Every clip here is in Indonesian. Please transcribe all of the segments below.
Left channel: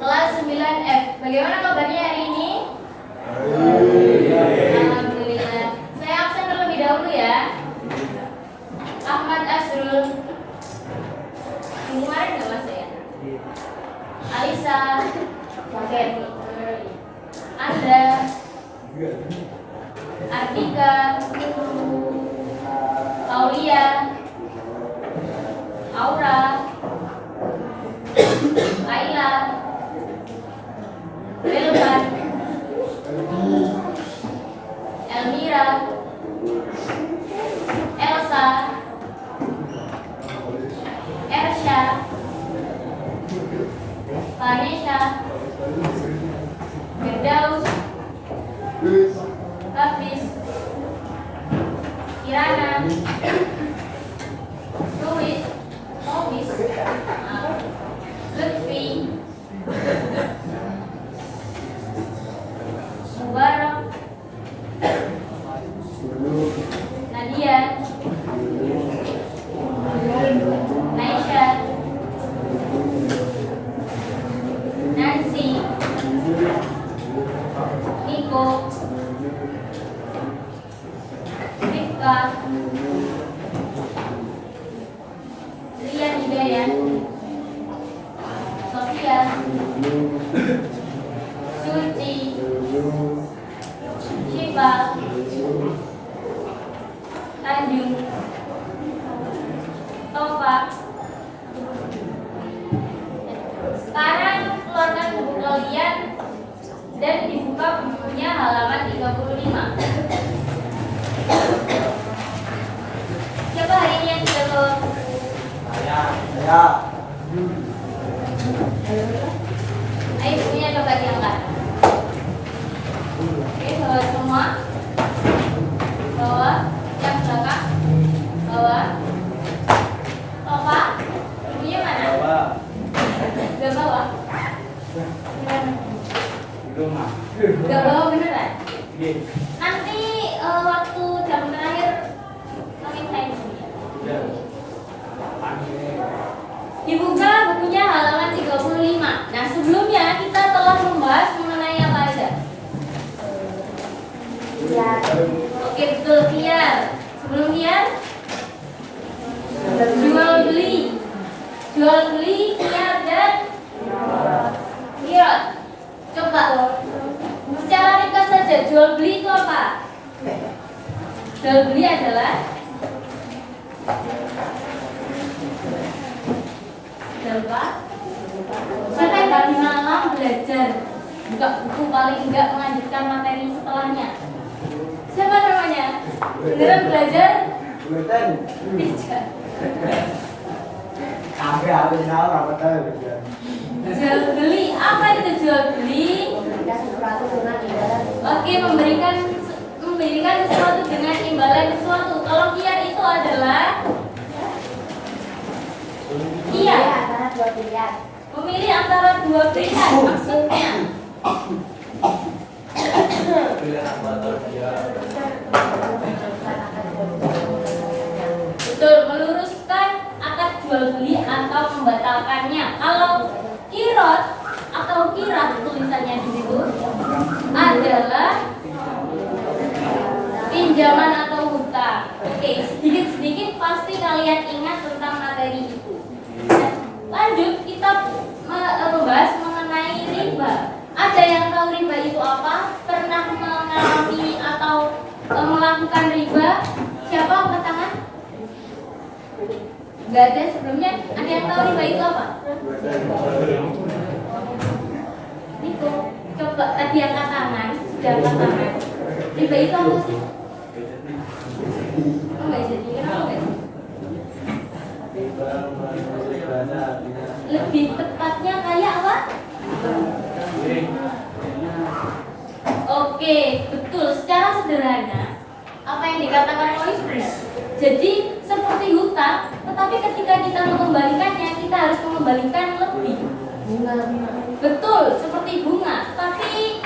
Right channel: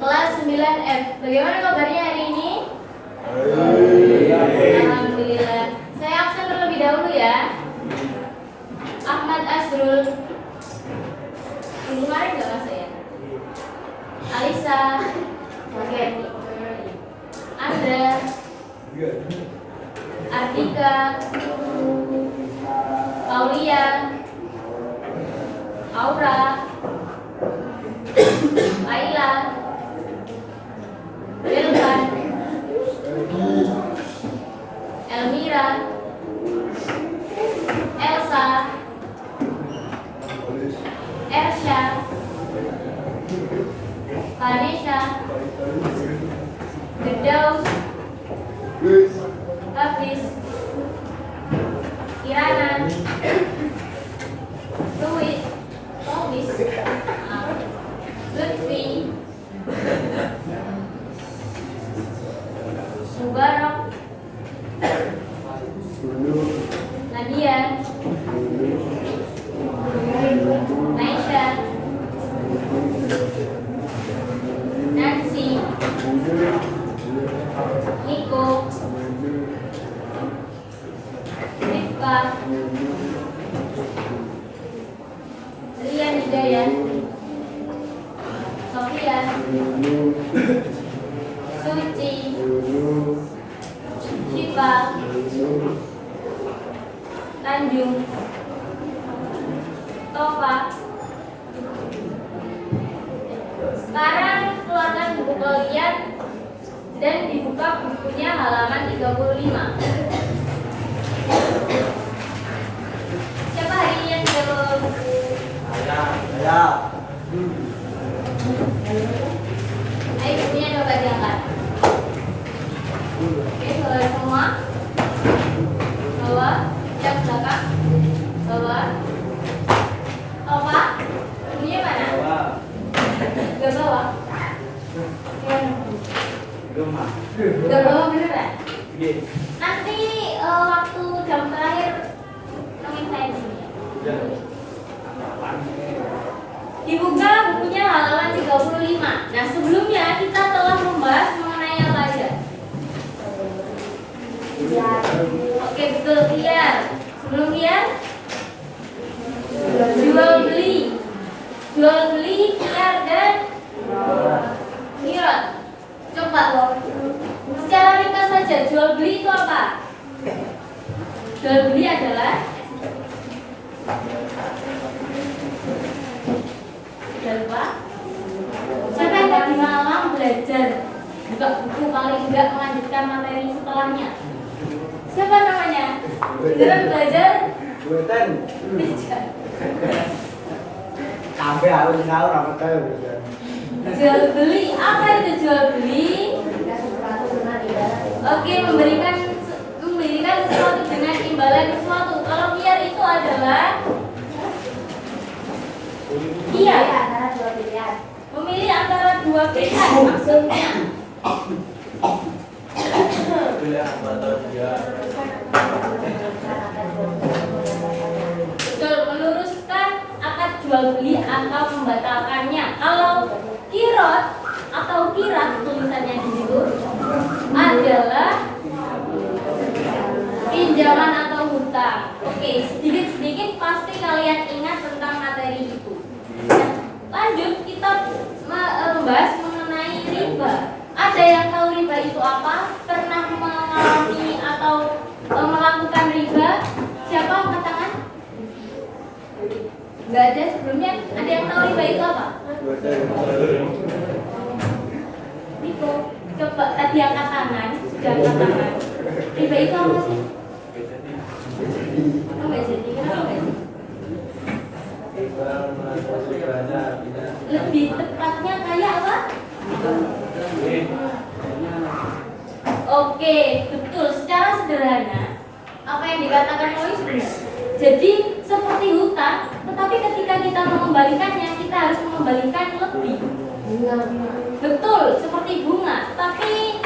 Kelas 9F. Bagaimana kabarnya hari ini? Alhamdulillah. Saya absen terlebih dahulu ya. Ahmad Azrul. Minggu kemarin nggak masuk ya? Alisa. Oke. Andra. Ardika. Aulia. Aura. Aila. Wilvan. Elmira. Elsa. Ersha. Vanessa. Firdaus. Hafiz. Kirana. Duit. Tobis. Lutfi. Mubarak. Nadia. Aisyah. Nancy. Niko. Rifka. Rian Hidayat. Sofia. Suci. Syifa. Tanjung. Tova. Sekarang keluarkan buku kalian dan dibuka bukunya halaman 35. Siapa hari ini yang belum? Ya. Ayo bukunya coba diangkat. Oke, bawa semua. Bawa yang belakang. Bawa. Tova, bukunya mana? Gak bawa. Gak bawa beneran? Nanti waktu jam terakhir nongin saya di sini. Dibuka bukunya halaman 35. Nah, sebelumnya kita telah membahas mengenai apa aja? Oke, betul, Kian. Sebelum Kian, jual beli, Kian dan Kirot. Coba secara ringkas saja, jual beli itu apa? Jual beli adalah siapa yang tadi malam belajar buka buku paling enggak melanjutkan materi setelahnya? Siapa namanya? Beneran belajar? Tidak. Sampai harus tahu apa tahu. Jual beli, apa itu jual beli? Oke, memberikan sesuatu dengan imbalan sesuatu. Kalau kiar itu adalah iya, memilih antara dua pilihan. Maksudnya betul, meluruskan akad jual beli atau membatalkannya. Kalau kirot atau kirah tulisannya di situ adalah pinjaman atau hutang. Oke, sedikit-sedikit pasti kalian ingat tentang materi itu. Lanjut, kita membahas mengenai riba. Ada yang tahu riba itu apa? Pernah mengalami atau melakukan riba? Siapa angkat tangan? Enggak ada sebelumnya. Ada yang tahu riba itu apa? Niko, coba tadi angkat tangan. Sudah angkat tangan. Riba itu apa sih? Enggak jadi, kenapa enggak jadi? Lebih tepatnya kayak apa? Oke, betul. Secara sederhana, apa yang dikatakan Lois benar. Jadi seperti hutang, tetapi ketika kita mengembalikannya, kita harus mengembalikan lebih. Betul, seperti bunga. Tapi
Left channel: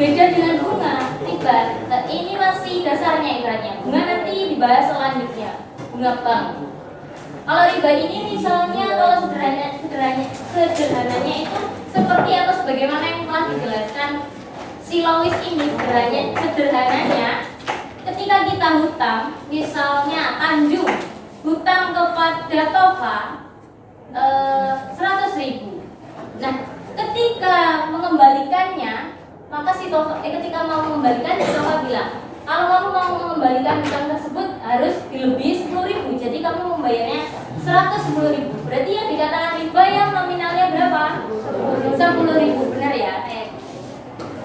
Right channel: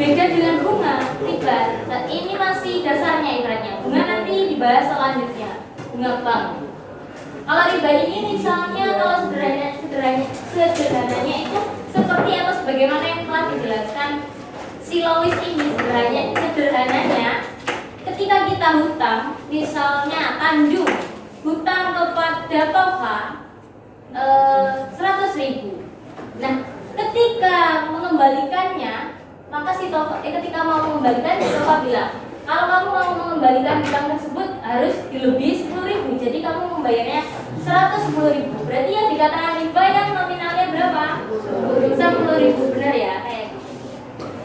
Beda dengan bunga riba. Nah, ini masih dasarnya ibaratnya. Bunga nanti dibahas selanjutnya. Bunga bank. Kalau riba ini misalnya kalau sederhananya itu seperti atau sebagaimana yang telah dijelaskan si Lois ini sederhananya ketika kita hutang, misalnya Tanjung hutang kepada Tova 100.000. Nah, ketika mengembalikannya, maka si Tova ketika mau mengembalikannya, Tova bilang, kalau kamu mau mengembalikan hutang tersebut harus dilebihi 10.000. Jadi kamu membayarnya 110.000. Berarti yang dikatakan riba yang nominalnya berapa? 10.000. Benar ya?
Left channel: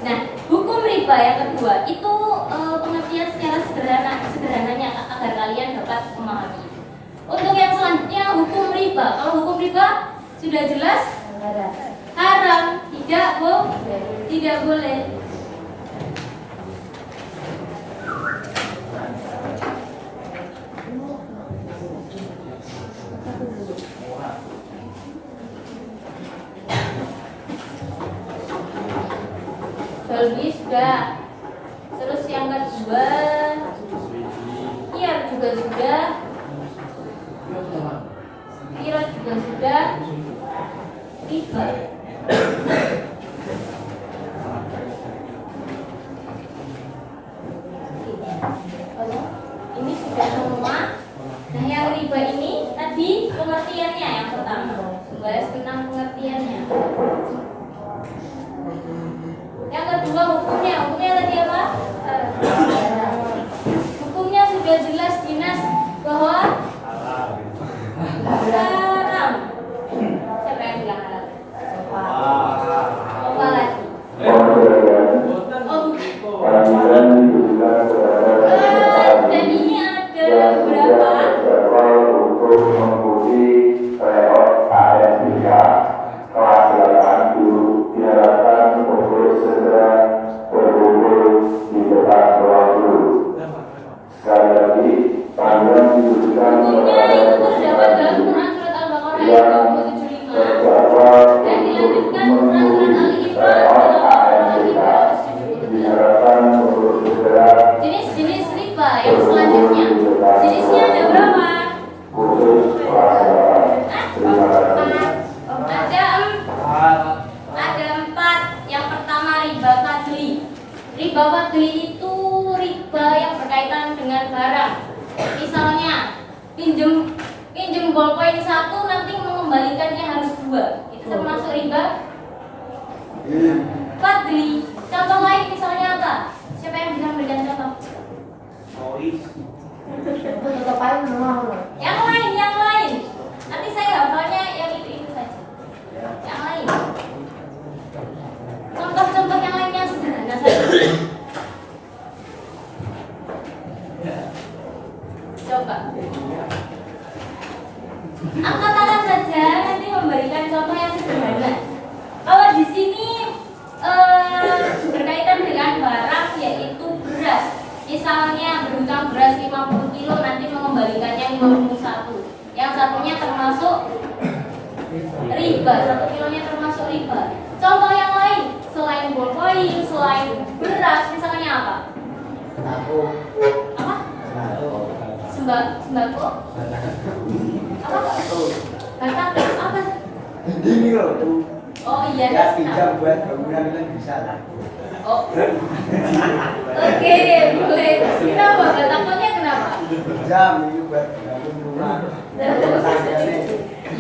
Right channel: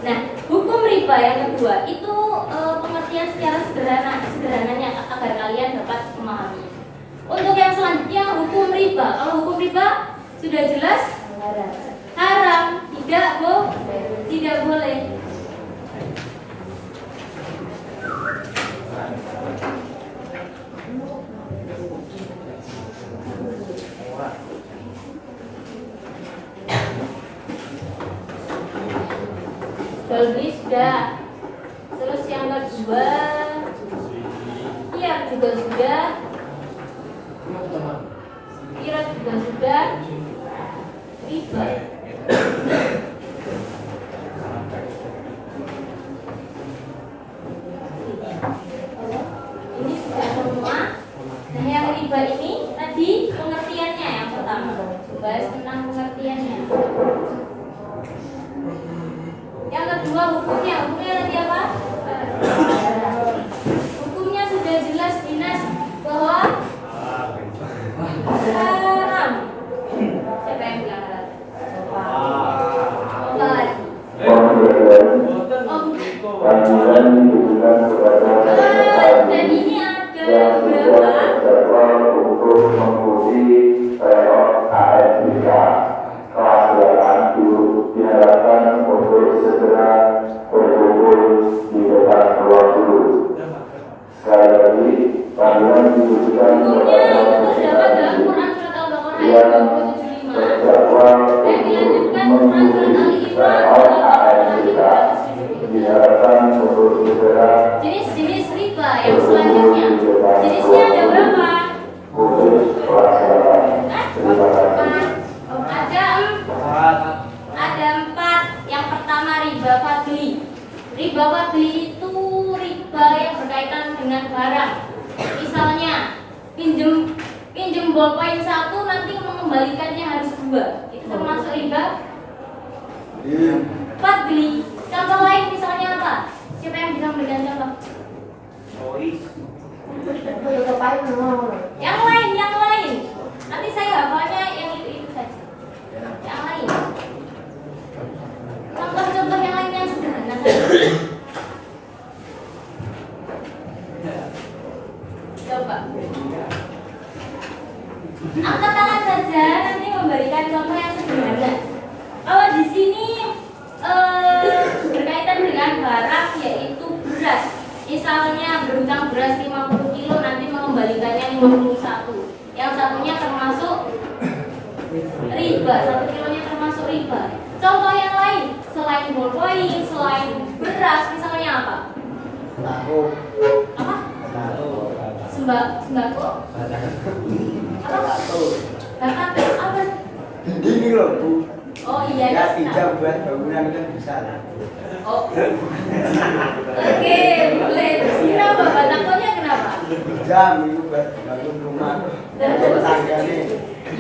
Nah, hukum riba yang kedua itu pengertian secara sederhananya agar kalian dapat memahami. Untuk yang selanjutnya hukum riba. Kalau hukum riba sudah jelas haram, tidak boleh. Jual beli sudah. Terus yang kedua, iya juga sudah. Kira juga sudah. Riba. Ini sudah semua. Nah, yang riba ini tadi pengertiannya yang pertama. Bahas tentang pengertiannya. Yang kedua hukumnya tadi apa? Hukumnya sudah jelas dinas bahwa haram. Siapa yang bilang haram? Apa lagi? Dan ini ada beberapa kelas 8 dulu diharapkan untuk segera berkumpul di depan ruang guru. Sekali lagi, kalian diberikan hukumnya itu terdapat dalam Quran surat Al-Baqarah ayat 275 dan dilanjutkan Quran surat Al-Imran diharapkan untuk segera jenis-jenis riba yang selanjutnya. Jenisnya ada berapa? khusus kelas 8. Terima kasih. Ada 4. Yang pertama riba fadli. Riba fadli itu riba yang berkaitan dengan barang. Misalnya pinjem bolpoin 1 nanti mengembalikannya harus 2. Itu termasuk riba fadli. Contoh lain misalnya apa? Siapa yang bisa memberikan contoh? Yang lain. Nanti saya hafalnya yang itu saja. Yang lain. Contoh-contoh yang lain yang sederhana saja. Coba. Angkat tangan saja, nanti memberikan contoh yang sederhana. Kalau di sini berkaitan dengan barang yaitu beras. Misalnya berhutang beras 50 kilo nanti mengembalikannya 51. Yang satunya termasuk riba, 1 kilonya termasuk riba. Contoh yang lain selain bolpoin, selain beras, misalnya apa? Apa? Sembako? Apa? Batako? Apa? Ini loh tuh. Oh iya, Ya senang. pinjam buat bangunan kan bisa lah. Oh. Oke, boleh. Kenapa? Batakonya kenapa? Pinjam itu buat bangun rumah.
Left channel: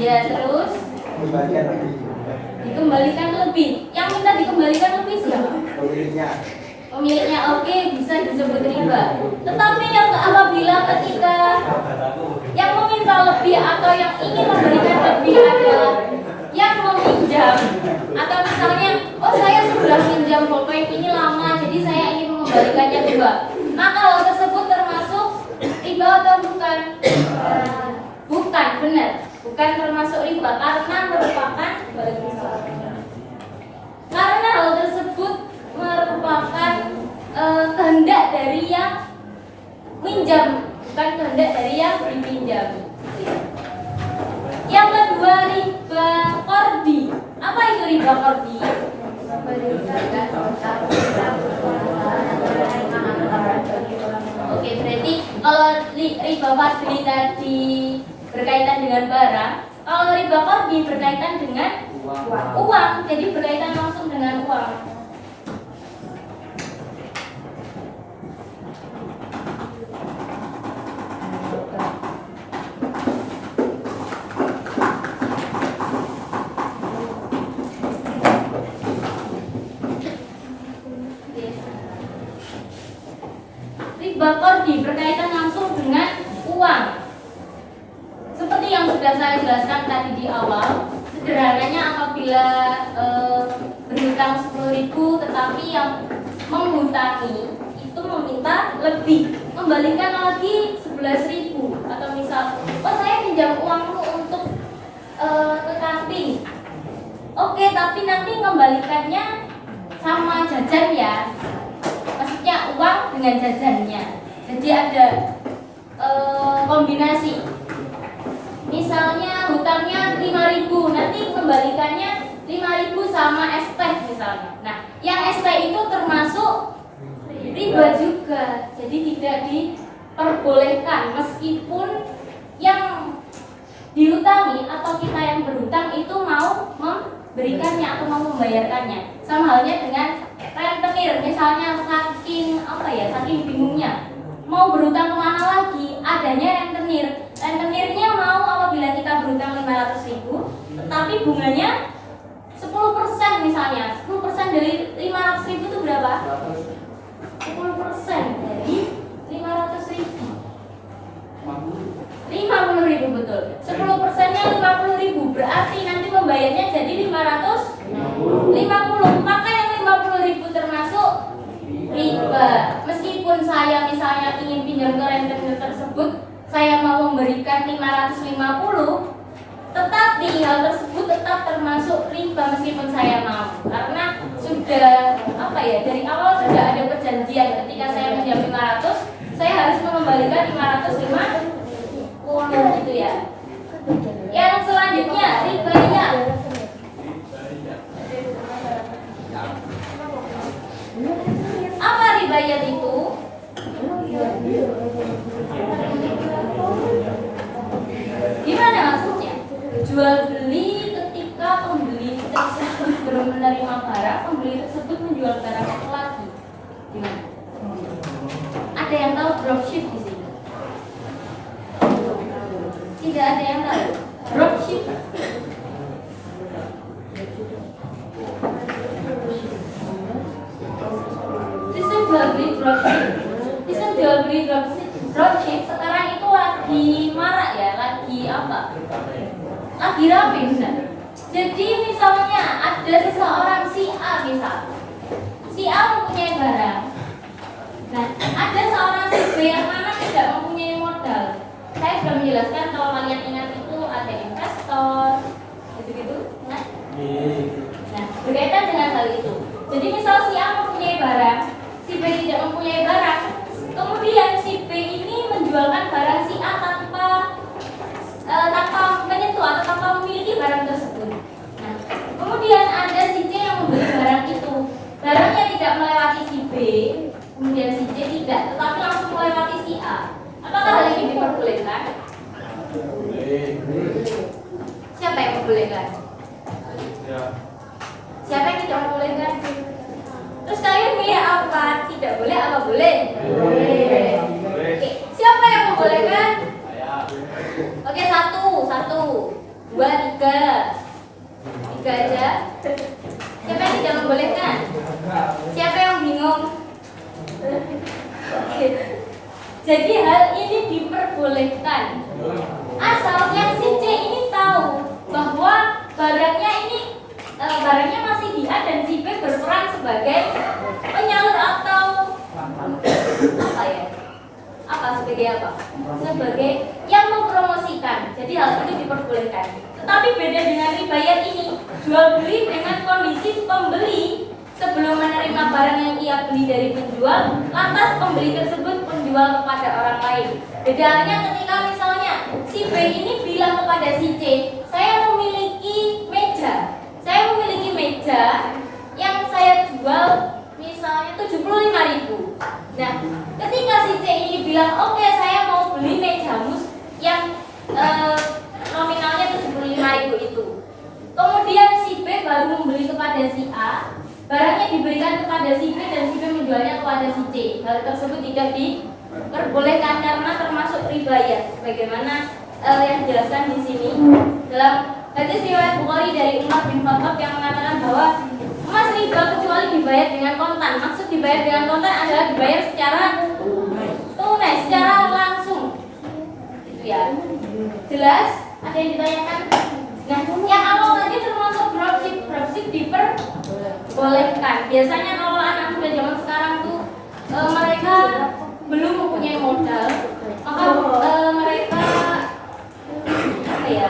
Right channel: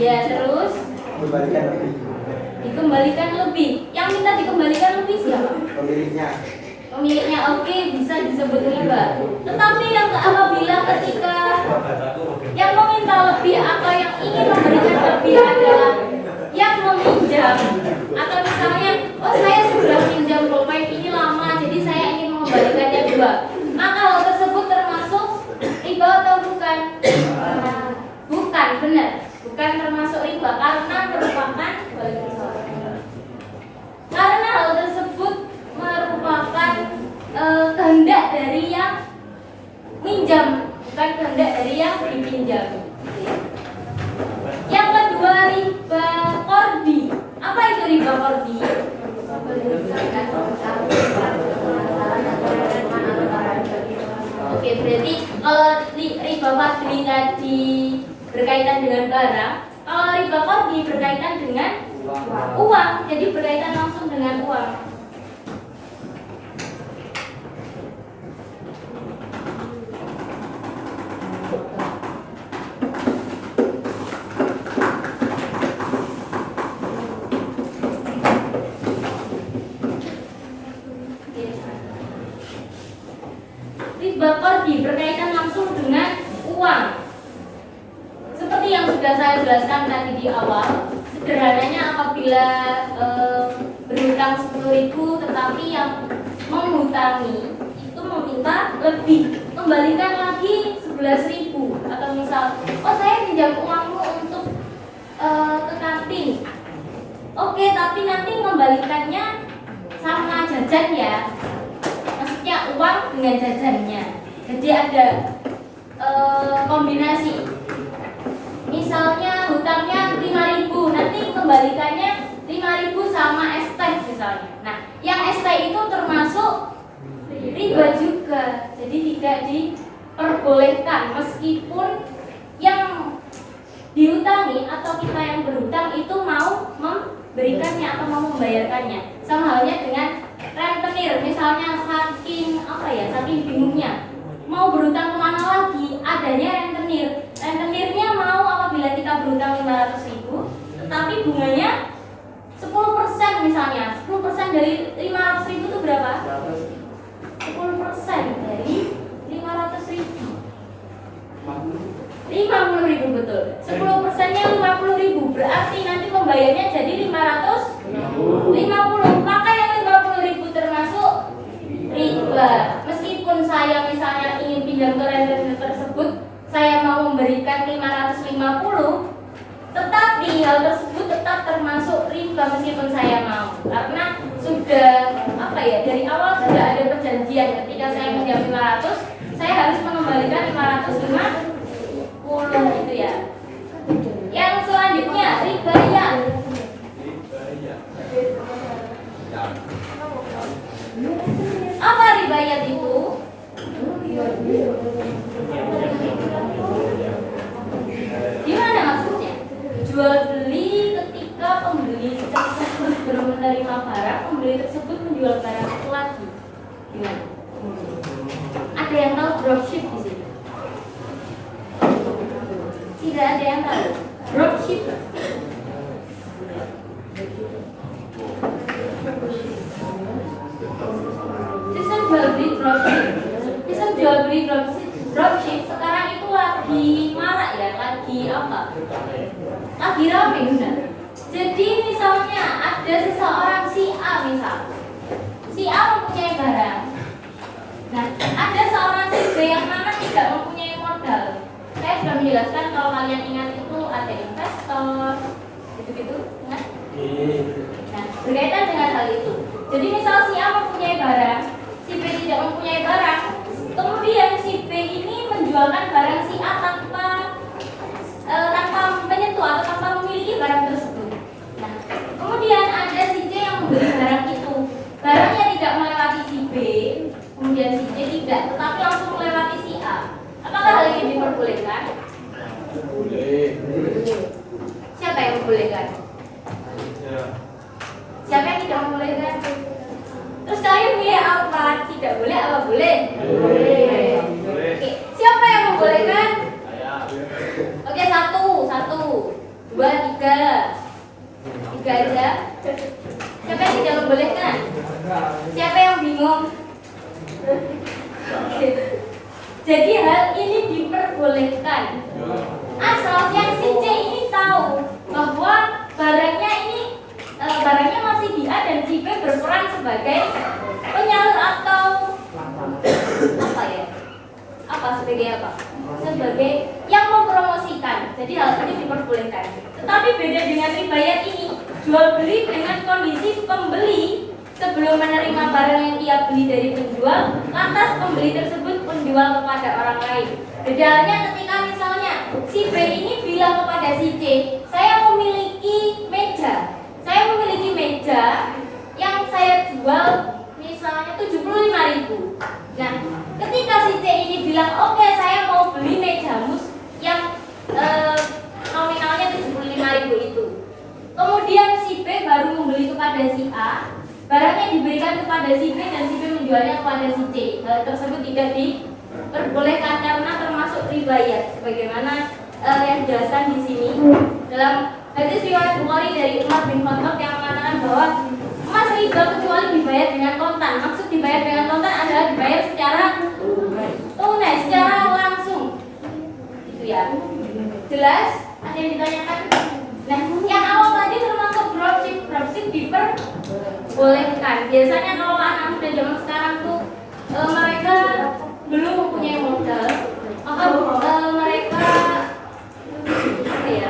Ya, terus Kembalikan lebih. dikembalikan lebih. Yang minta dikembalikan lebih siapa? Pemiliknya. Pemiliknya oke, bisa disebut riba. Tetapi yang apabila ketika yang meminta lebih atau yang ingin memberikan lebih adalah yang meminjam, atau misalnya, oh saya sudah pinjam bolpoin ini lama, jadi saya ingin mengembalikannya 2. Maka hal tersebut termasuk riba atau bukan? Bukan, benar. Bukan termasuk riba karena merupakan karena hal tersebut merupakan kehendak dari yang minjam, bukan kehendak dari yang dipinjam. Yang kedua riba qardi. Apa itu riba qardi? Kalau riba fadli tadi berkaitan dengan barang, kalau riba qardi berkaitan dengan uang, jadi berkaitan langsung dengan uang. Riba qardi berkaitan langsung dengan uang. Seperti yang sudah saya jelaskan tadi di awal, sederhananya apabila berhutang 10.000 tetapi yang menghutangi itu meminta lebih, kembalikan lagi 11.000, atau misal, oh saya pinjam uangmu untuk ke kantin. Oke, tapi nanti kembalikannya sama jajan ya. Maksudnya uang dengan jajannya. Jadi ada kombinasi. Misalnya hutangnya 5.000, nanti kembalikannya 5.000 sama es teh misalnya. Nah, yang es teh itu termasuk riba juga. Jadi tidak diperbolehkan meskipun yang dihutangi atau kita yang berhutang itu mau memberikannya atau mau membayarkannya. Sama halnya dengan rentenir, misalnya saking bingungnya mau berhutang kemana lagi, adanya rentenir. Rentenirnya mau apabila kita berhutang 500.000, tetapi bunganya 10% misalnya. 10% dari 500.000 itu berapa? 10% dari 500.000. 50.000 betul. 10%-nya 50.000, berarti nanti membayarnya jadi 550. Maka yang 50.000 termasuk riba. Meskipun saya misalnya ingin pinjam ke rentenir tersebut, saya mau memberikan 550, tetapi hal tersebut tetap termasuk riba meskipun saya mau, karena sudah dari awal sudah ada perjanjian. Ketika saya pinjam 500, saya harus mengembalikan 550 gitu ya. Yang selanjutnya ribayat. Apa ribayat itu? Gimana maksudnya? Jual beli ketika pembeli tersebut belum menerima barang, pembeli tersebut menjual barang itu lagi. Gimana? Ada yang tahu dropship di sini? Tidak ada yang tahu. Dropship. Sistem jual beli dropship. Sistem jual beli dropship sekarang itu lagi marak ya, lagi rame benar. Jadi misalnya ada seseorang si A si A mempunyai barang. Nah, ada seorang si B yang mana tidak mempunyai modal. Saya sudah menjelaskan, kalau kalian ingat itu ada investor, gitu-gitu, ingat? Nah, berkaitan dengan hal itu. Jadi misal si A mempunyai barang, si B tidak mempunyai barang, kemudian si B ini menjualkan barang si A tanpa menyentuh atau tanpa memiliki barang tersebut. Nah, kemudian ada si C yang membeli barang itu, barangnya tidak melewati si B, kemudian si C tidak, tetapi langsung melewati si A. Apakah hal ini diperbolehkan? Siapa yang membolehkan? Siapa yang tidak membolehkan? Terus kalian milih apa? Tidak boleh apa boleh? Boleh. Oke, siapa yang membolehkan? Oke, satu, dua, tiga aja. Siapa yang tidak membolehkan? Siapa yang bingung? Jadi hal ini diperbolehkan, asal yang si C ini tahu bahwa barangnya masih di A dan si B berperan sebagai penyalur atau sebagai yang mempromosikan. Jadi hal ini diperbolehkan. Tetapi beda dengan ribayat ini, jual beli dengan kondisi pembeli sebelum menerima barang yang ia beli dari penjual, lantas pembeli tersebut menjual kepada orang lain. Beda halnya ketika misalnya si B ini bilang kepada si C, saya memiliki meja yang saya jual misalnya 75.000. Nah, ketika si C ini bilang, oke, saya barangnya diberikan kepada si B dan si B menjualnya kepada si C. Hal tersebut tidak diperbolehkan karena termasuk ribayat. Bagaimana yang dijelaskan di sini dalam hadis riwayat Bukhari dari Umar bin Khattab yang mengatakan bahwa emas riba kecuali dibayar dengan kontan. Maksud dibayar dengan kontan adalah dibayar secara tunai, secara langsung. Gitu ya. Jelas? Ada yang ditanyakan? Nah, yang awal tadi termasuk dropship diperbolehkan. Biasanya kalau anak muda zaman sekarang tuh mereka belum mempunyai modal, maka mereka apa ya?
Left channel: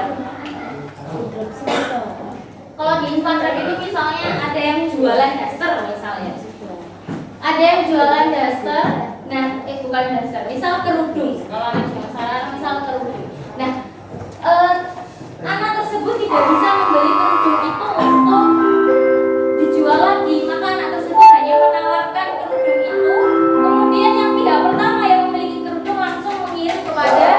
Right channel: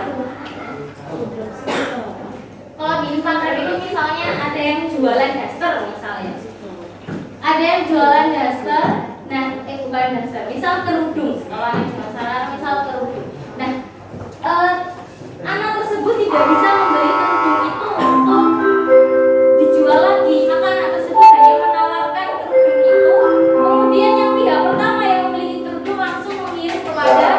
Kalau di Instagram itu misalnya ada yang jualan daster misalnya, ada yang jualan daster, nah bukan daster, misal kerudung. Kalau anak cuma salah, misal kerudung. Nah, anak tersebut tidak bisa membeli kerudung itu untuk dijual lagi, maka anak tersebut hanya menawarkan kerudung itu. Kemudian yang pihak pertama yang memiliki kerudung langsung mengirim kepada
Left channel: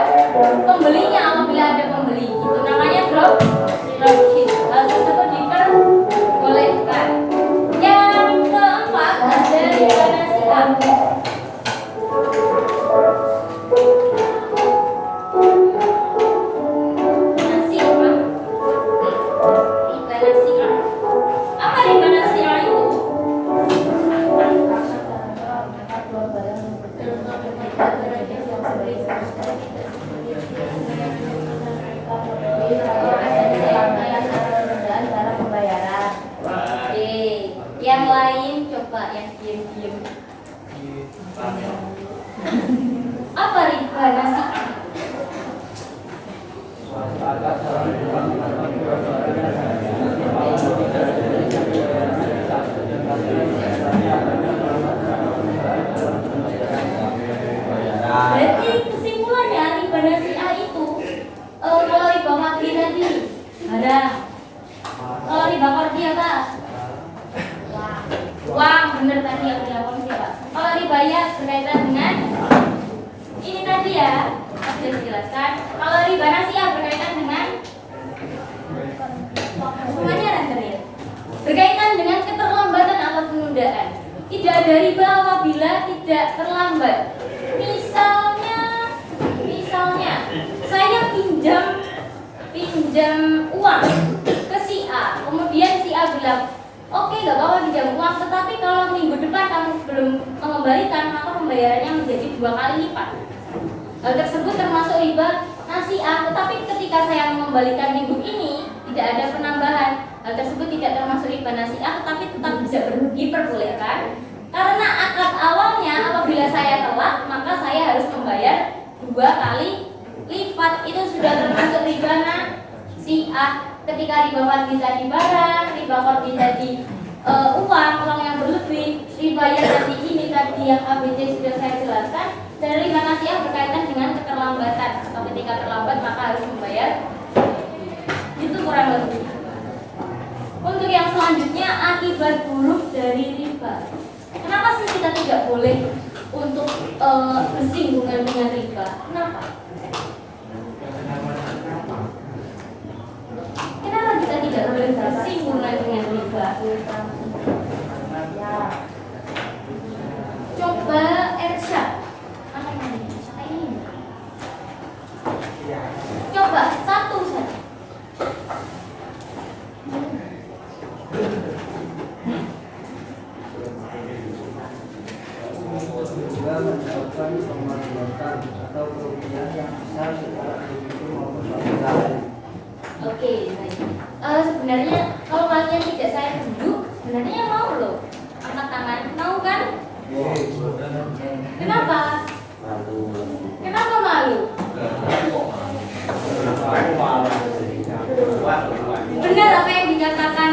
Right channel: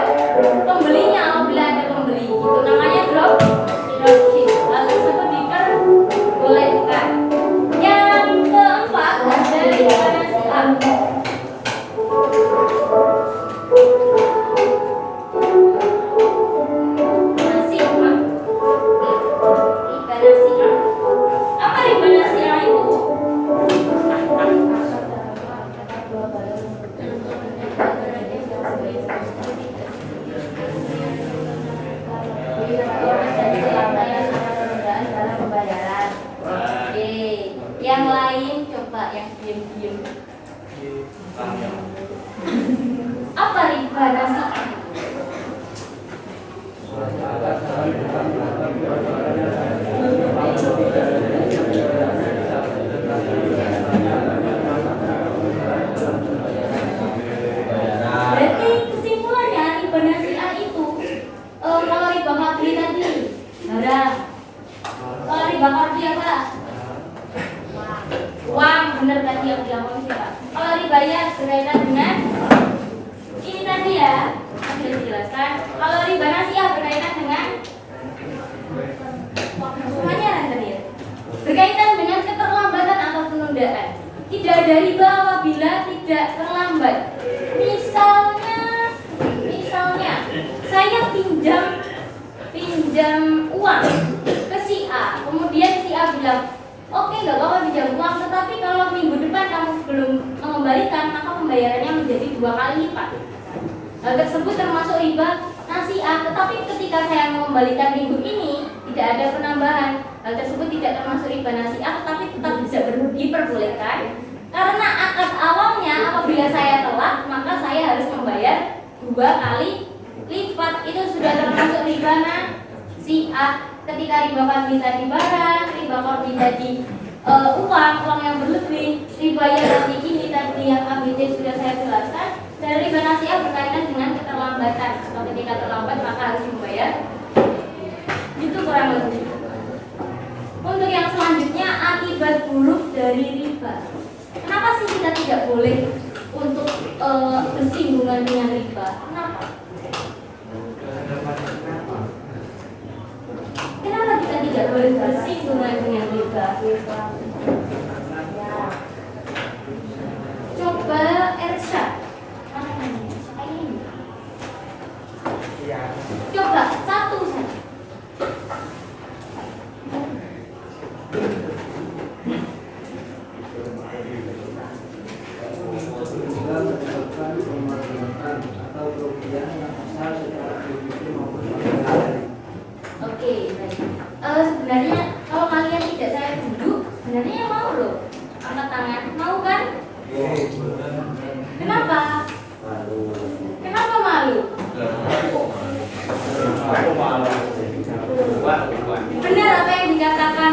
pembelinya apabila ada pembeli. Itu namanya dropship. Hal tersebut diperbolehkan. Yang keempat ada riba nasi'ah. Apa riba nasi'ah itu? Yang lain coba yang diam-diam. Apa riba nasi'ah? Berarti kesimpulannya riba nasi'ah itu kalau riba fadli tadi barang, kalau riba qardi apa? Uang, bener tadi yang dilakukan siapa? Kalau riba ya berkaitan dengan ini tadi ya, sudah dijelaskan. Kalau riba nasi'ah berkaitan dengan semuanya render ya, berkaitan dengan keterlambatan atau penundaan. Tidak ada riba apabila tidak terlambat. Misalnya saya pinjam uang ke si A, kemudian si A bilang, oke, gak apa-apa pinjam uang, tetapi kalau minggu depan kamu belum mengembalikan, maka pembayarannya menjadi 2 kali lipat. Hal tersebut termasuk riba nasi'ah, tetapi ketika saya mengembalikan minggu ini tidak ada penambahan. Hal tersebut tidak termasuk riba nasi'ah, tetapi tetap bisa diperbolehkan karena akad awalnya apabila saya telat maka saya harus membayar 2 kali lipat. Itu sudah termasuk riba nasi'ah. Ketika riba fadli tadi barang, riba qardi tadi uang yang berlebih, riba yang tadi ini tadi yang ABC sudah saya jelaskan. Dan riba nasi'ah berkaitan dengan keterlambatan. Atau ketika terlambat maka harus membayar. Itu kurang lebih. Untuk yang selanjutnya akibat buruk dari riba. Kenapa sih kita tidak boleh untuk bersinggungan dengan riba? Kenapa? Kenapa kita tidak boleh bersinggungan dengan riba? Coba Ersyad. Coba satu saja. Oke, sebenarnya kalau kalian tidak saya duduk, sebenarnya yang mau loh angkat tangan, mau kan? Kenapa? Kenapa malu? Benar apa yang dikatakan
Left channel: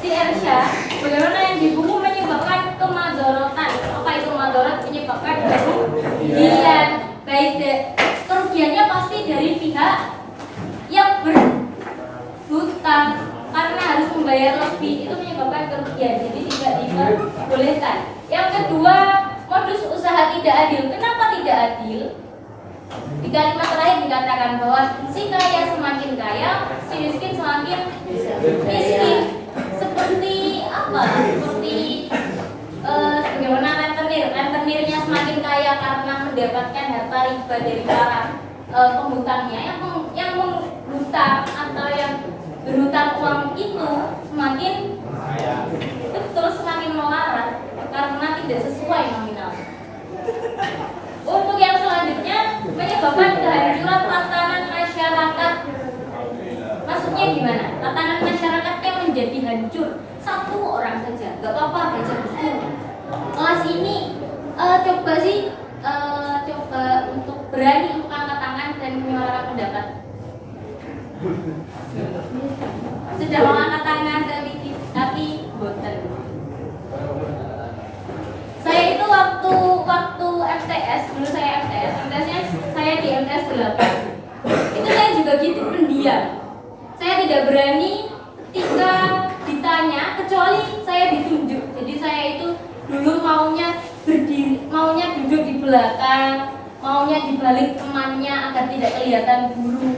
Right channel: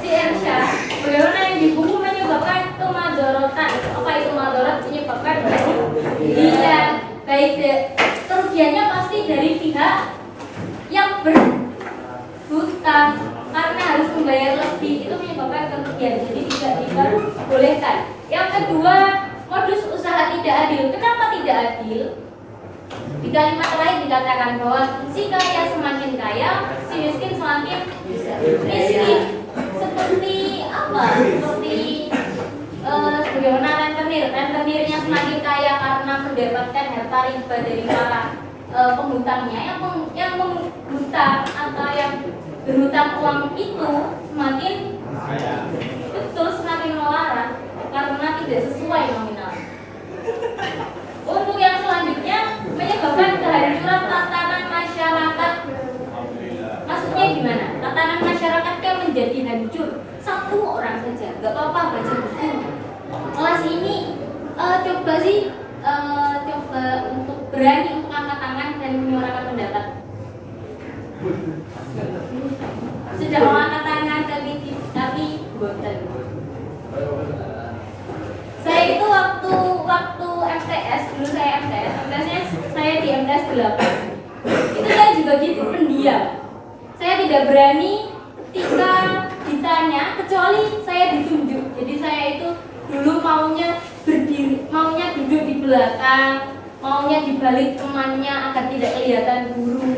si Ersya, bagaimana yang di buku menyebabkan kemadorotan. Apa itu madorot? Menyebabkan kerugian. Baik kerugiannya pasti dari pihak yang berhutang karena harus membayar lebih, itu menyebabkan kerugian. Jadi tidak diperbolehkan. Yang kedua, modus usaha tidak adil. Kenapa tidak adil? Di kalimat terakhir dikatakan bahwa si kaya semakin kaya, si miskin semakin miskin. Seperti apa? Seperti mendapatkan harta riba dari para penghutangnya, yang menghutang atau yang berhutang uang itu semakin betul semakin melarat karena tidak sesuai nominal. Untuk yang selanjutnya menyebabkan kehancuran tatanan masyarakat. Maksudnya gimana? Tatanan masyarakat yang menjadi hancur satu orang saja, gak apa-apa baca buku. Kelas ini coba untuk berani untuk angkat tangan dan menyuarakan pendapat. Sudah mau angkat tangan tapi boten. Saya itu waktu MTS, dulu saya MTS-nya saya di MTS 8. Itu saya juga gitu, pendiam. Saya tidak berani ketika ditanya, kecuali saya ditunjuk. Jadi saya itu dulu maunya berdiri, maunya duduk di belakang, maunya di balik temannya agar tidak kelihatan guru.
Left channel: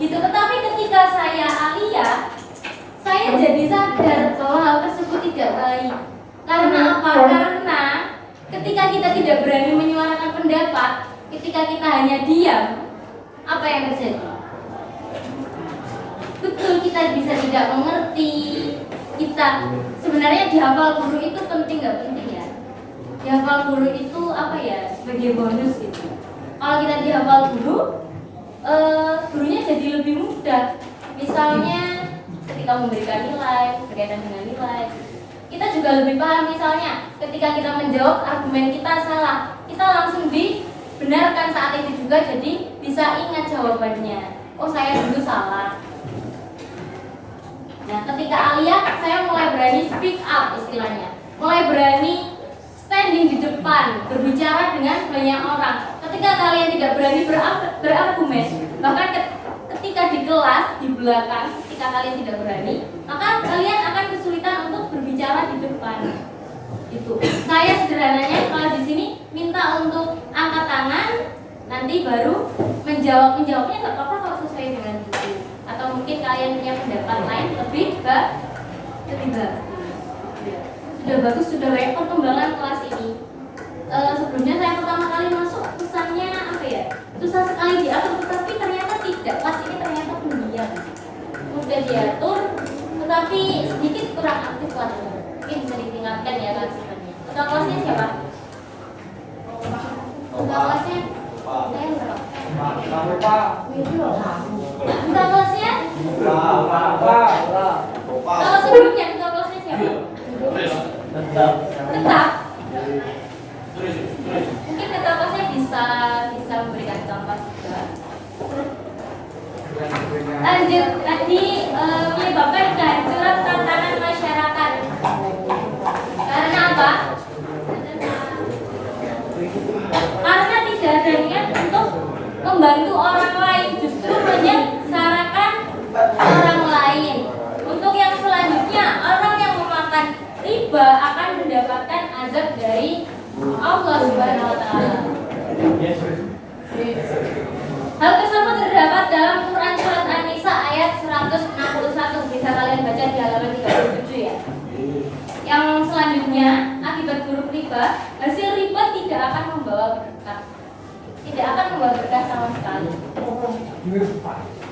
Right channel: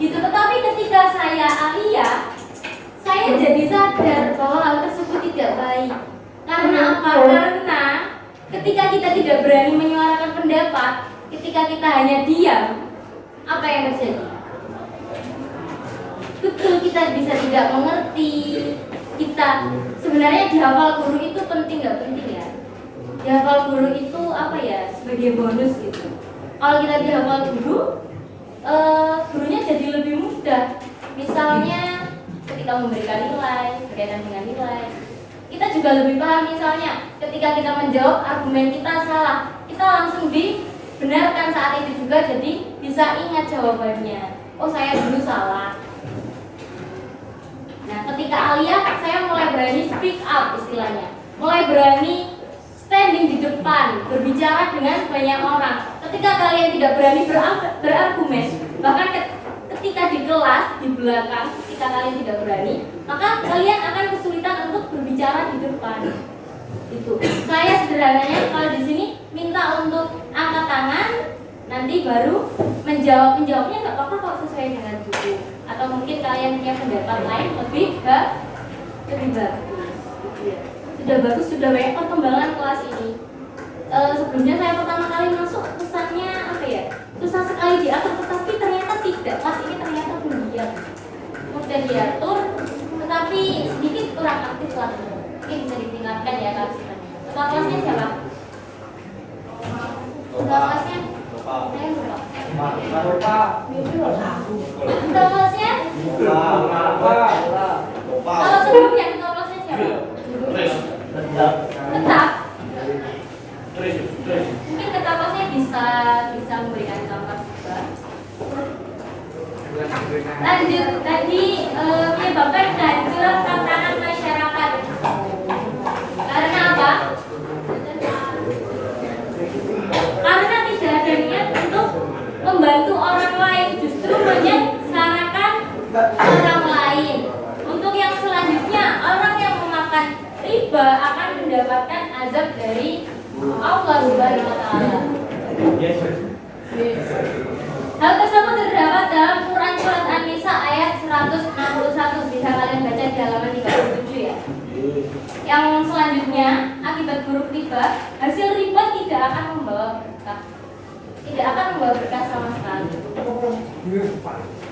Gitu. Tetapi ketika saya aliyah, saya jadi sadar bahwa hal tersebut tidak baik. Karena apa? Karena ketika kita tidak berani menyuarakan pendapat, ketika kita hanya diam, apa yang terjadi? Betul, kita bisa tidak mengerti. Kita sebenarnya dihafal guru itu penting nggak penting ya? Dihafal guru itu apa ya? Sebagai bonus gitu. Kalau kita dihafal guru, gurunya jadi lebih mudah. Misalnya ketika memberikan nilai, berkaitan dengan nilai, kita juga lebih paham. Misalnya ketika kita menjawab argumen kita salah, kita langsung dibenarkan saat itu juga, jadi bisa ingat jawabannya. Oh, saya dulu salah. Nah, ketika aliyah, saya mulai berani speak up istilahnya, mulai berani standing di depan, berbicara dengan banyak orang. Ketika kalian tidak berani berargumen, bahkan ketika di kelas, di belakang, ketika kalian tidak berani, maka kalian akan kesulitan untuk berbicara di depan. Itu. Saya sederhananya kalau di sini minta untuk angkat tangan, nanti baru menjawabnya nggak apa-apa kalau sesuai dengan buku. Atau mungkin kalian punya pendapat lain lebih bagus. Sudah bagus, sudah banyak perkembangan kelas ini. Sebelumnya saya pertama kali masuk, pesannya apa ya? Susah sekali diatur, tetapi ternyata tidak. Kelas ini ternyata pendiam, mudah diatur, tetapi sedikit kurang aktif lah. Mungkin bisa ditingkatkan ya kelas ini. Ketua kelasnya siapa? Ketua kelasnya? Saya lupa. Ketua kelasnya? Kalau sebelumnya ketua kelasnya siapa? Tetap. Mungkin ketua kelasnya bisa memberikan contoh juga. Lanjut, tadi menyebabkan kehancuran tatanan masyarakat. Karena apa? Karena tidak ada niat untuk membantu orang lain, justru menyengsarakan orang lain. Untuk yang selanjutnya, orang yang memakan riba akan mendapatkan azab dari Allah Subhanahu wa taala. Hal tersebut terdapat dalam Quran surat An-Nisa ayat 161. Bisa kalian baca di halaman 37 ya. Yang selanjutnya, akibat buruk riba, hasil riba tidak akan membawa berkah. Tidak akan membawa berkah sama sekali.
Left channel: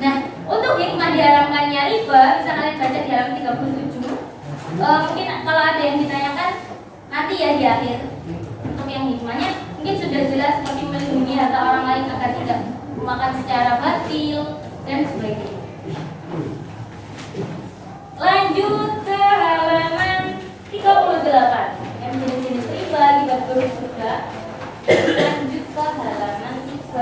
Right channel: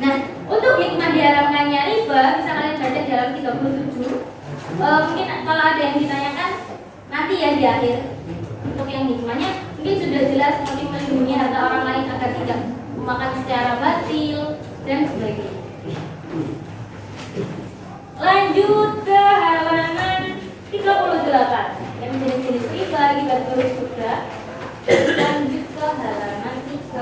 Nah, untuk hikmah diharamkannya riba, bisa kalian baca di halaman 37. Mungkin kalau ada yang ditanyakan nanti ya di akhir. Untuk yang hikmahnya mungkin sudah jelas, seperti melindungi harta orang lain agar tidak memakan secara batil dan sebagainya. Lanjut ke halaman 38 yang jenis-jenis riba akibat buruk juga. Lanjut ke halaman 38.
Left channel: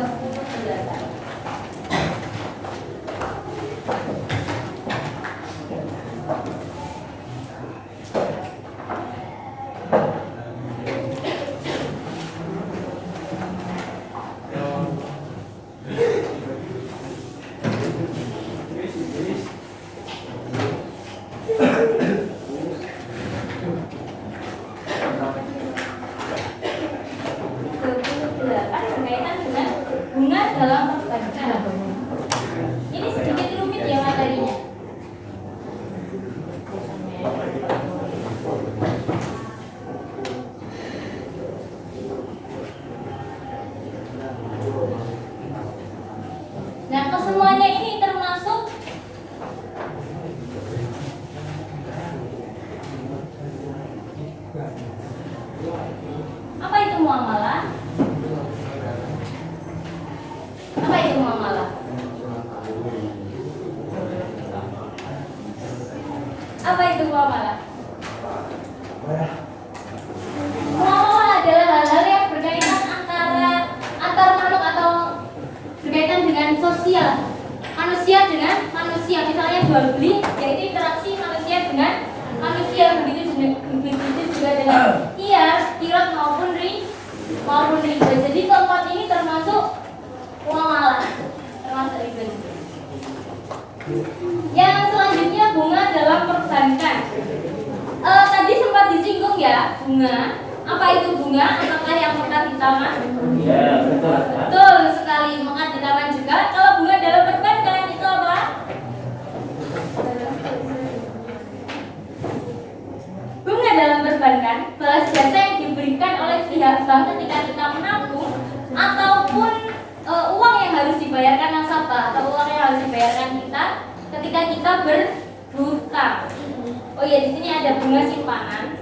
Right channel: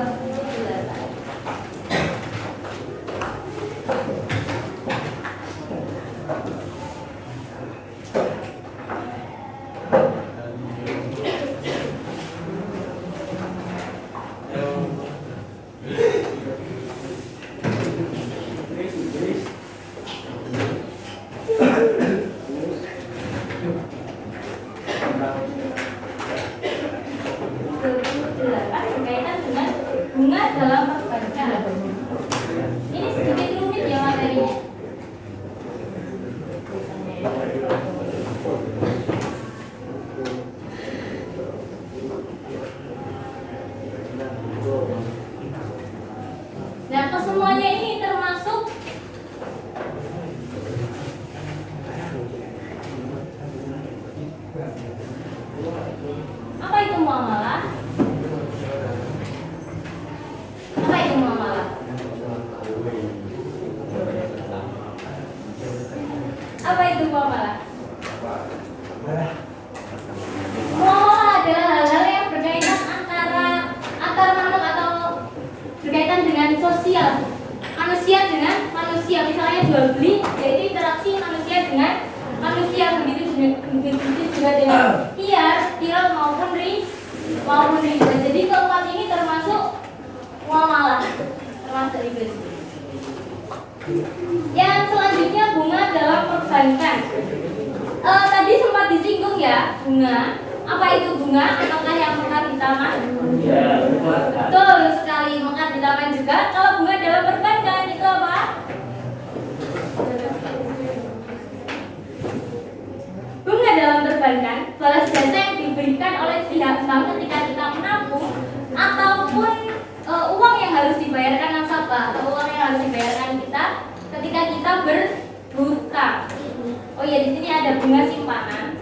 Berkaitan dengan bunga dalam perbankan. Ini sedikit rumit ya materinya. Apa itu muamalah? Apa itu muamalah? Muamalah adalah hal-hal yang berkaitan antar makhluk atau berkaitan dengan sosial, manusia dengan manusia. Misalnya jual beli, yaitu interaksi manusia dengan manusia. Begitu juga dengan kirot maupun riba. Jadi keempat ini termasuk muamalah, termasuk riba juga. Yang selanjutnya bunga dalam perbankan. Tadi sempat disinggung ya, bunga. Apa itu bunga? Apakah yang mekar di taman? Ya, Betul sekali, mekar di taman juga. Kalau bunga dalam perbankan itu apa? Bunga dalam perbankan balas jasa yang diberikan oleh pihak bank ketika kita menabung ataupun uang yang harus dibayarkan nasabah atau uang yang harus dibayarkan kita ketika kita berhutang. Oh ya, di sini ada bunga simpanan.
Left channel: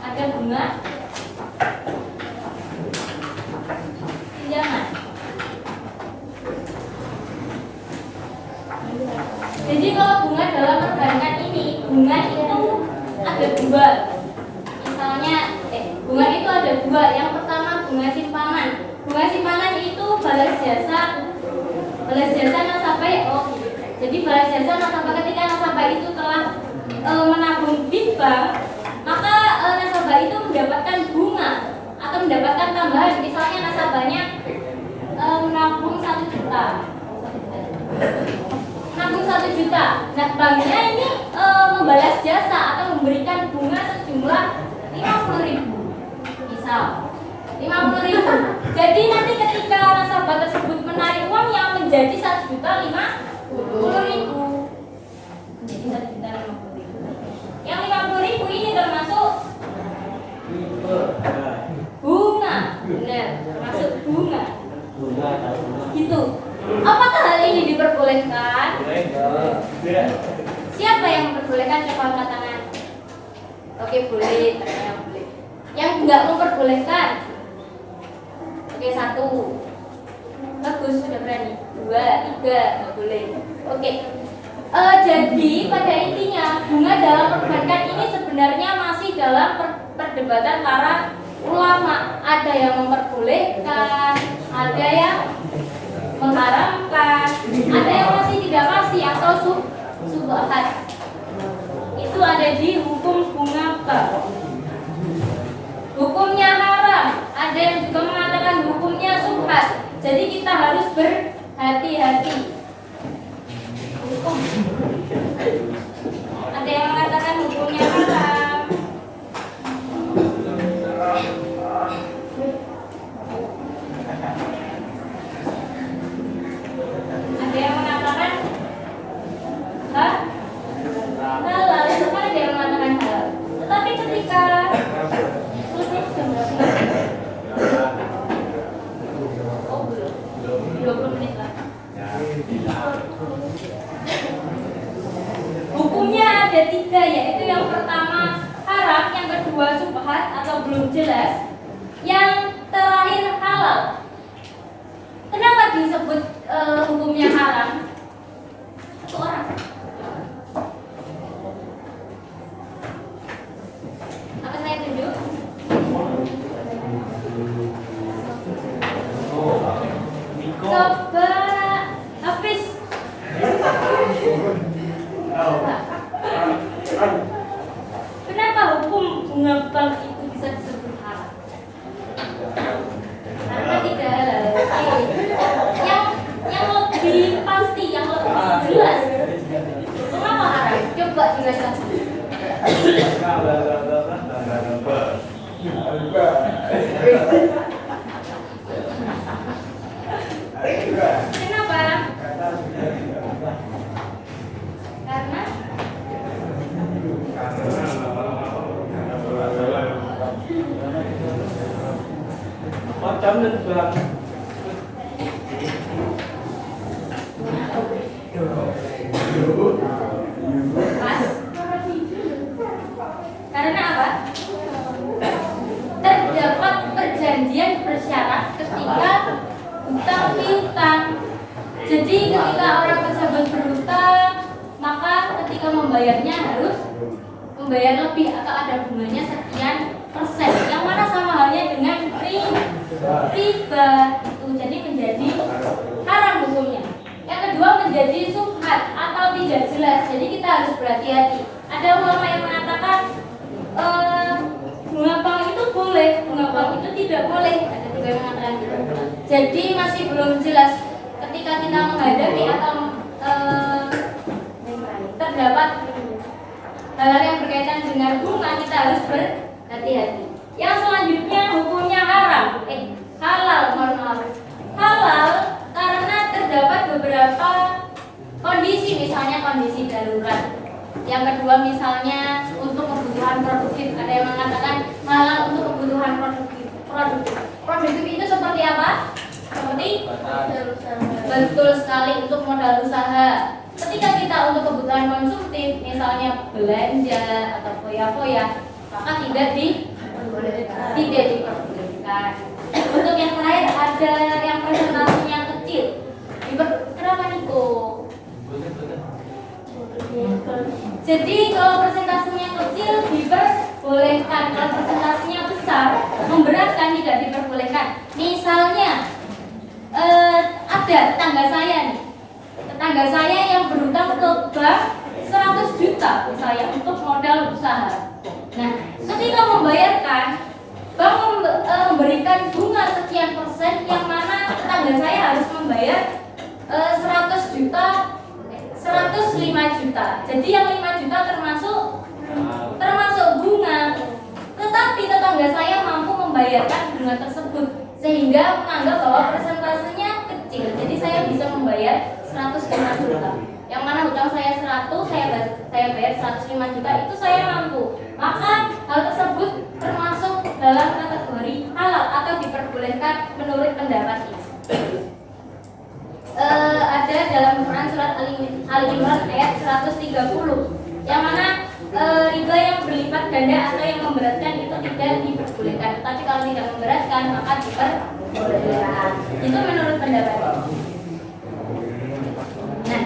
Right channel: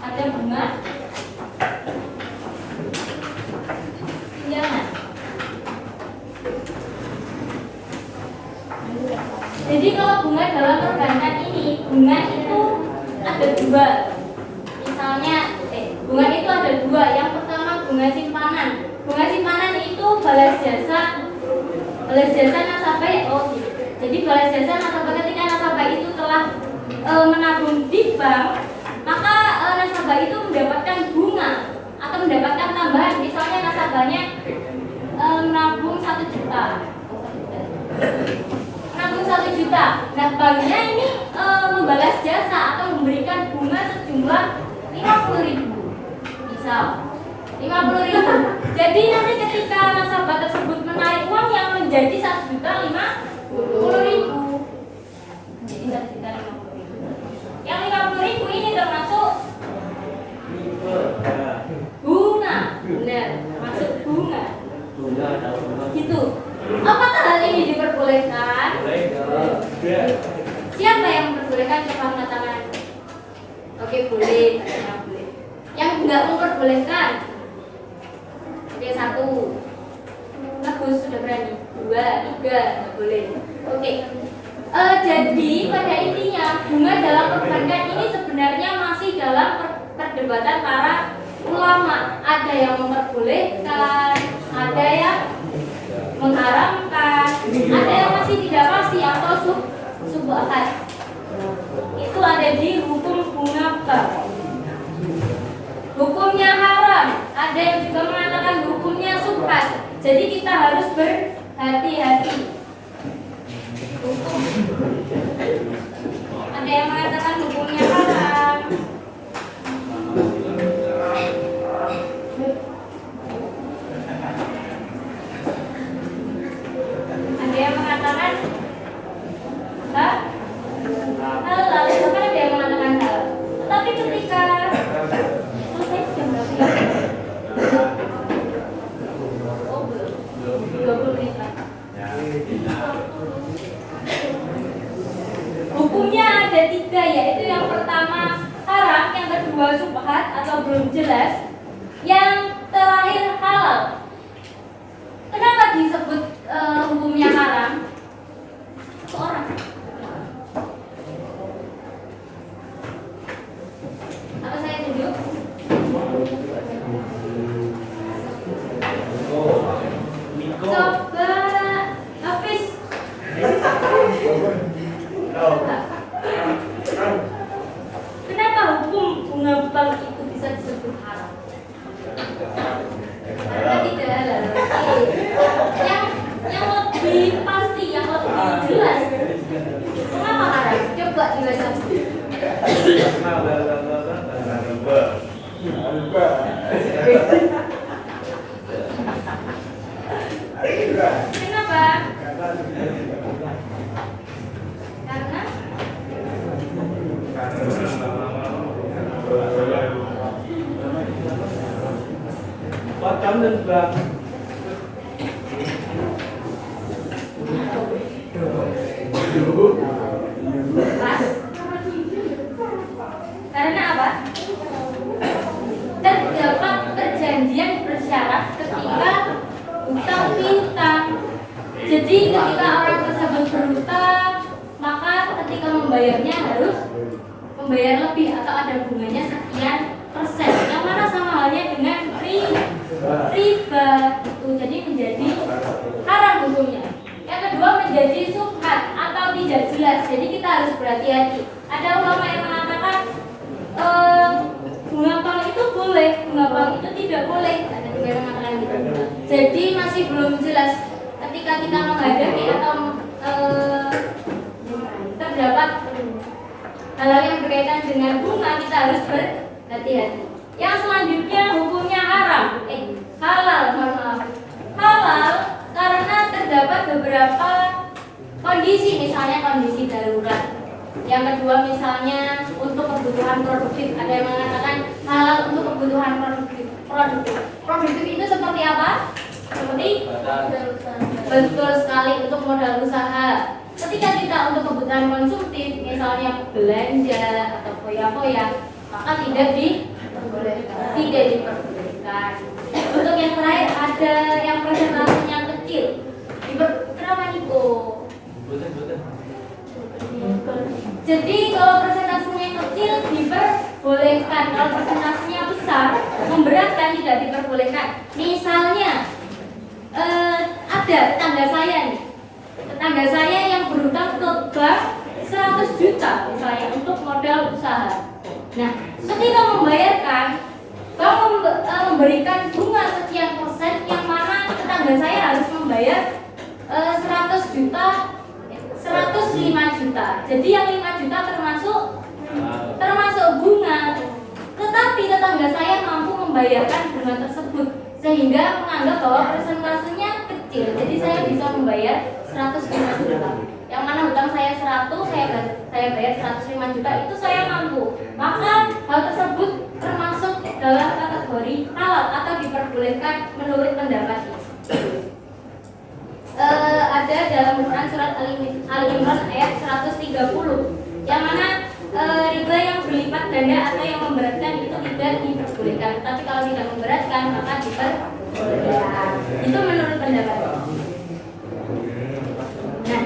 Ada bunga pinjaman. Jadi kalau bunga dalam perbankan ini, bunga itu ada dua. Misalnya, bunga itu ada dua. Yang pertama bunga simpanan. Bunga simpanan itu balas jasa nasabah. Oh, gitu. Jadi balas jasa nasabah ketika nasabah itu telah menabung di bank, maka nasabah itu mendapatkan bunga atau mendapatkan tambahan. Misalnya nasabahnya menabung 1 juta. Menabung 1 juta. Nah, banknya ini membalas jasa atau memberikan bunga sejumlah 50.000. Misal 50.000. Jadi nanti ketika nasabah tersebut menarik uang yang menjadi 1.050.000. Menjadi 1.050.000. Yang 50.000 ini termasuk bunga. Benar, masuk bunga. Gitu. Apakah hal ini diperbolehkan? Siapa yang memperbolehkan? Coba angkat tangan. Oke, boleh. Yang boleh. Yang enggak memperbolehkan? Oke, 1. Bagus, sudah berani. 2, 3, enggak boleh. Oke. Jadi pada intinya bunga dalam perbankan ini sebenarnya masih dalam perdebatan para ulama. Ada yang memperbolehkan, ada yang mengharamkan, ada yang masih tidak pasti atau subhat. Itu ada di hukum bunga bank. Hukumnya haram, ada yang juga mengatakan hukumnya subhat. Jadi kita harus berhati-hati. Hukum. Ada yang mengatakan hukumnya haram. Ada yang mengatakan halal, bahkan ada yang mengatakan halal. Tetapi ketika selesai jam berapa? Oh, belum. 20 menit lagi. Hukumnya ada 3, yaitu yang pertama haram, yang kedua subhat atau belum jelas, yang terakhir halal. Kenapa disebut hukumnya haram? Satu orang. Apa saya tunjuk? Coba Hafiz. Kenapa hukum bunga bank itu bisa disebut haram? Karena tidak halal. Yang lebih pasti, yang lebih jelas. Kenapa haram? Coba dibaca. Kenapa? Karena Chấm lên vàng. Karena apa? Terdapat perjanjian bersyarat ketika hutang piutang. Jadi ketika orang tersebut berhutang, maka ketika membayarnya harus membayar lebih atau ada bunganya sekian persen. Yang mana sama halnya dengan riba itu, jadi menjadi haram hukumnya. Yang kedua menjadi subhat atau tidak jelas. Jadi kita harus berhati-hati. Ada ulama yang mengatakan bunga bank itu boleh, bunga bank itu tidak boleh. Ada juga yang mengatakan gitu. Jadi masih belum jelas ketika kita menghadapi atau terdapat hal-hal yang berkaitan dengan bunga, kita harus berhati-hati. Yang selanjutnya hukumnya halal, mohon maaf. Halal karena terdapat beberapa kondisi, misalnya kondisi darurat. Yang kedua misalnya untuk kebutuhan produktif. Ada yang mengatakan halal untuk kebutuhan produktif. Produktif itu seperti apa? Seperti betul sekali untuk modal usaha. Ketika kita untuk kebutuhan konsumtif, misalnya belanja atau foya-foya, maka tidak diperbolehkan. Untuk yang terakhir ada yang presentasinya kecil. Kenapa nih kok? Jadi kalau presentasinya kecil diperbolehkan, kalau presentasinya besar memberatkan tidak diperbolehkan. Misalnya ada tetangga saya yang berhutang ke bank 100 juta misalnya untuk modal usaha. Nah, ketika membayarkan, bank memberikan bunga sekian persen, yang mana tetangga saya harus membayar 105 juta. Jadi yang 5 juta termasuk bunga. Tetapi tetangga saya mampu membayarkan bunga tersebut sehingga menganggap bahwa persentasenya kecil. Jadi saya bisa membayar 105 juta. Yang mana hutang saya 100, saya bayar 105 juta, itu saya mampu. Maka hal tersebut termasuk dalam kategori halal atau diperbolehkan menurut pendapat ini. Ada dalam Quran surat Ali Imran ayat 130 yang mana riba yang berlipat ganda atau yang memberatkan itu tidak diperbolehkan. Tapi kalau tidak memberatkan maka diperbolehkan. Itu menurut pendapat. Nah,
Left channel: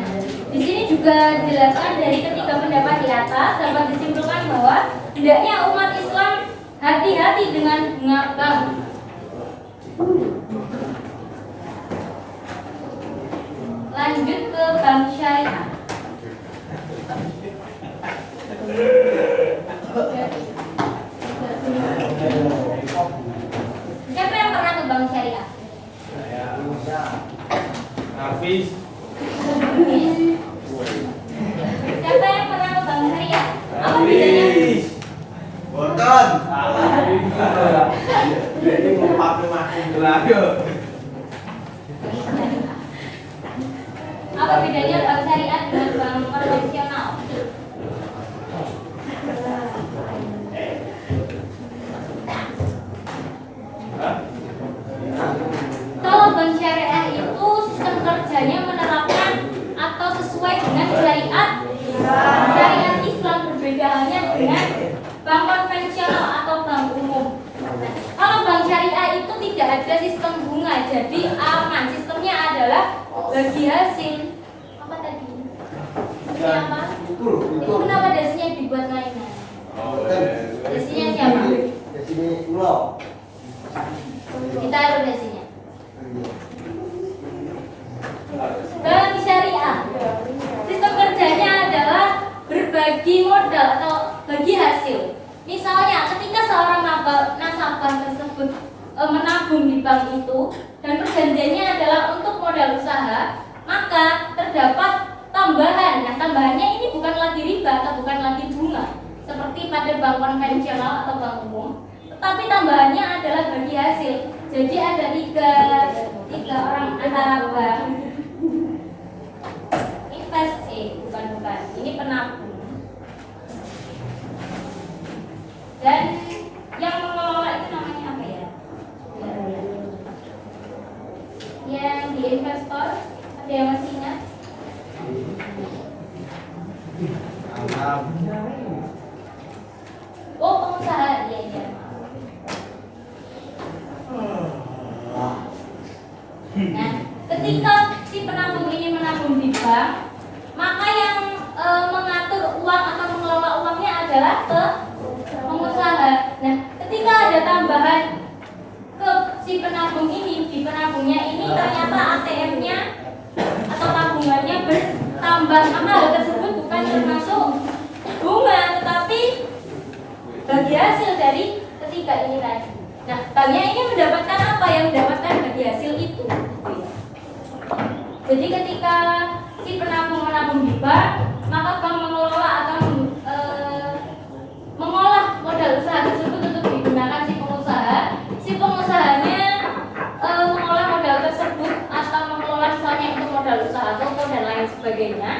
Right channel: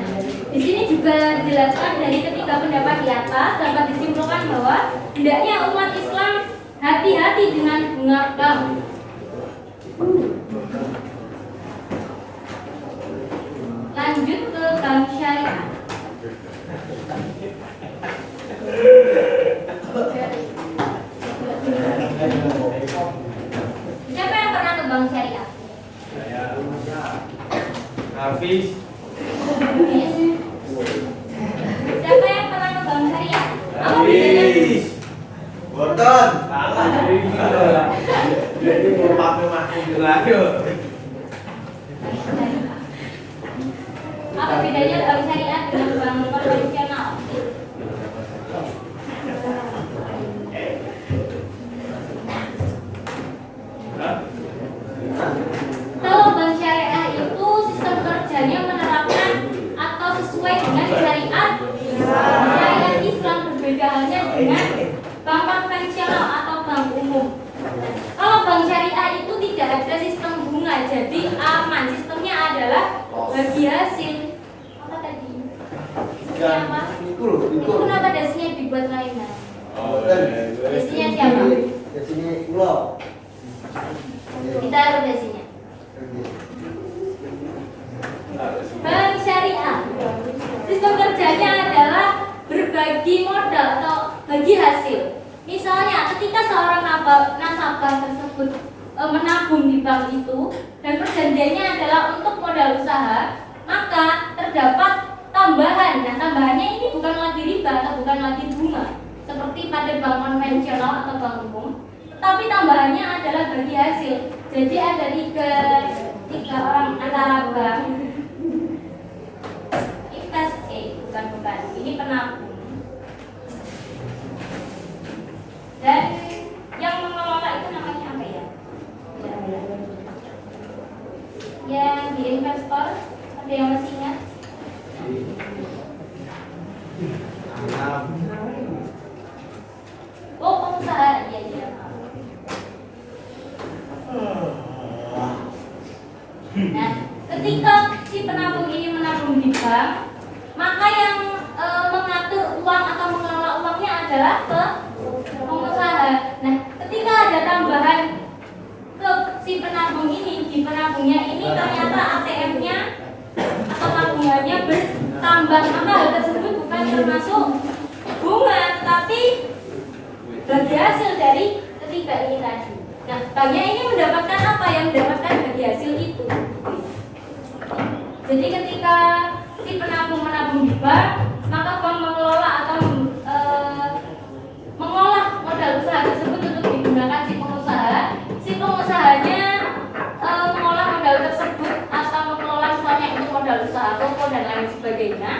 di sini juga dijelaskan dari ketiga pendapat di atas dapat disimpulkan bahwa hendaknya umat Islam hati-hati dengan bunga bank. Lanjut ke bank syariah. Siapa yang pernah ke bank syariah? Hafiz. Siapa yang pernah ke bank syariah? Apa bedanya? Boten. Ini mau pakai makin lagi. Apa bedanya bank syariah dengan bank konvensional? Kalau bank syariah itu sistem kerjanya menerapkan atau sesuai dengan syariat Islam, berbeda halnya dengan bank konvensional atau bank umum. Kalau bank syariah itu tidak ada sistem bunga, jadi aman. Sistemnya adalah bagi hasil. Apa tadi? Sistemnya apa? Itu kenapa dasinya dibuat main-main? Dasinya siapa? Di sini lo. Ditaruh dasinya. Bank syariah, sistem kerjanya adalah berbagi modal atau bagi hasil. Misalnya ketika seorang nasabah tersebut menabung di bank itu dan perjanjiannya adalah untuk modal usaha, maka terdapat tambahan. Nah, tambahannya ini bukan lagi riba atau bukan lagi bunga seperti pada bank konvensional atau bank umum, tetapi tambahannya adalah bagi hasil. Jadi ada tiga orang antara bank bukan ini penabung dan yang mengelola itu namanya apa ya? Yang di investor, ada yang masih ingat? Oh, pengusaha ketika si penabung ini menabung di bank, maka yang mengatur uang atau mengelola uangnya adalah pengusaha. Nah, ketika ada tambahan ke si penabung ini, di penabungnya ini ternyata ATM-nya atau tabungannya bertambah, maka hal tersebut bukan termasuk bunga, tetapi bagi hasil dari ketiga ini tadi. Nah, banknya ini mendapatkan apa? Yang mendapatkan bagi hasil itu. Jadi ketika si penabung menabung di bank, maka bank mengelola atau mengolah modal usaha tersebut untuk digunakan si pengusaha. Si pengusahanya mengolah modal tersebut atau mengelola misalnya untuk modal usaha toko dan lain sebagainya.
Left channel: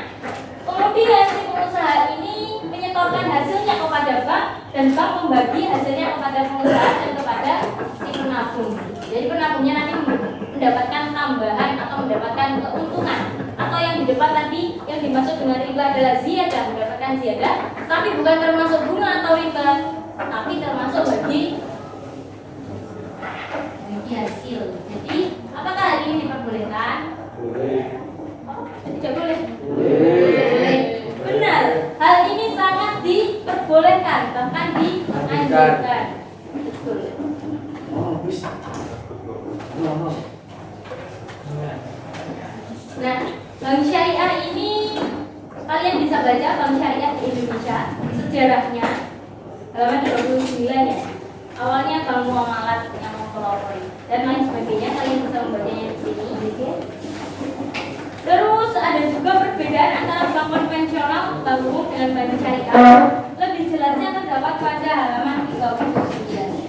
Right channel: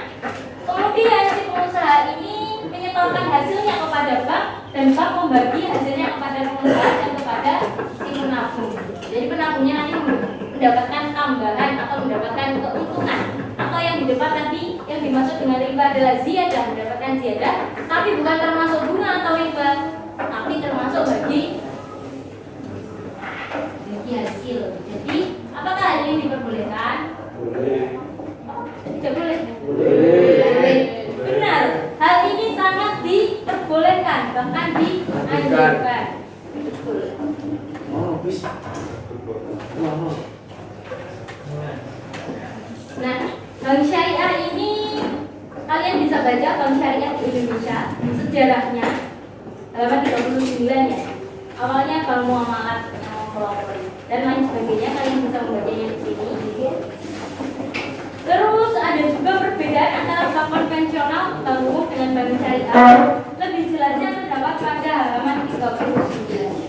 Kemudian si pengusaha ini menyetorkan hasilnya kepada bank dan bank membagi hasilnya kepada pengusaha dan kepada si penabung. Jadi penabungnya nanti mendapatkan tambahan atau mendapatkan keuntungan, atau yang di depan tadi yang dimaksud dengan riba adalah ziyadah, mendapatkan ziyadah, tapi bukan termasuk bunga atau riba, tapi termasuk bagi hasil. Jadi apakah hal ini diperbolehkan? Tidak boleh. Boleh. Benar. Hal ini sangat diperbolehkan, bahkan dianjurkan. Betul. Nah, bank syariah ini kalian bisa baca bank syariah di Indonesia sejarahnya halaman 39 ya. Awalnya bank muamalat yang mempelopori dan lain sebagainya, kalian bisa membacanya di sini. Terus ada juga perbedaan antara bank konvensional, bank umum dengan bank syariah. Lebih jelasnya terdapat pada halaman 39.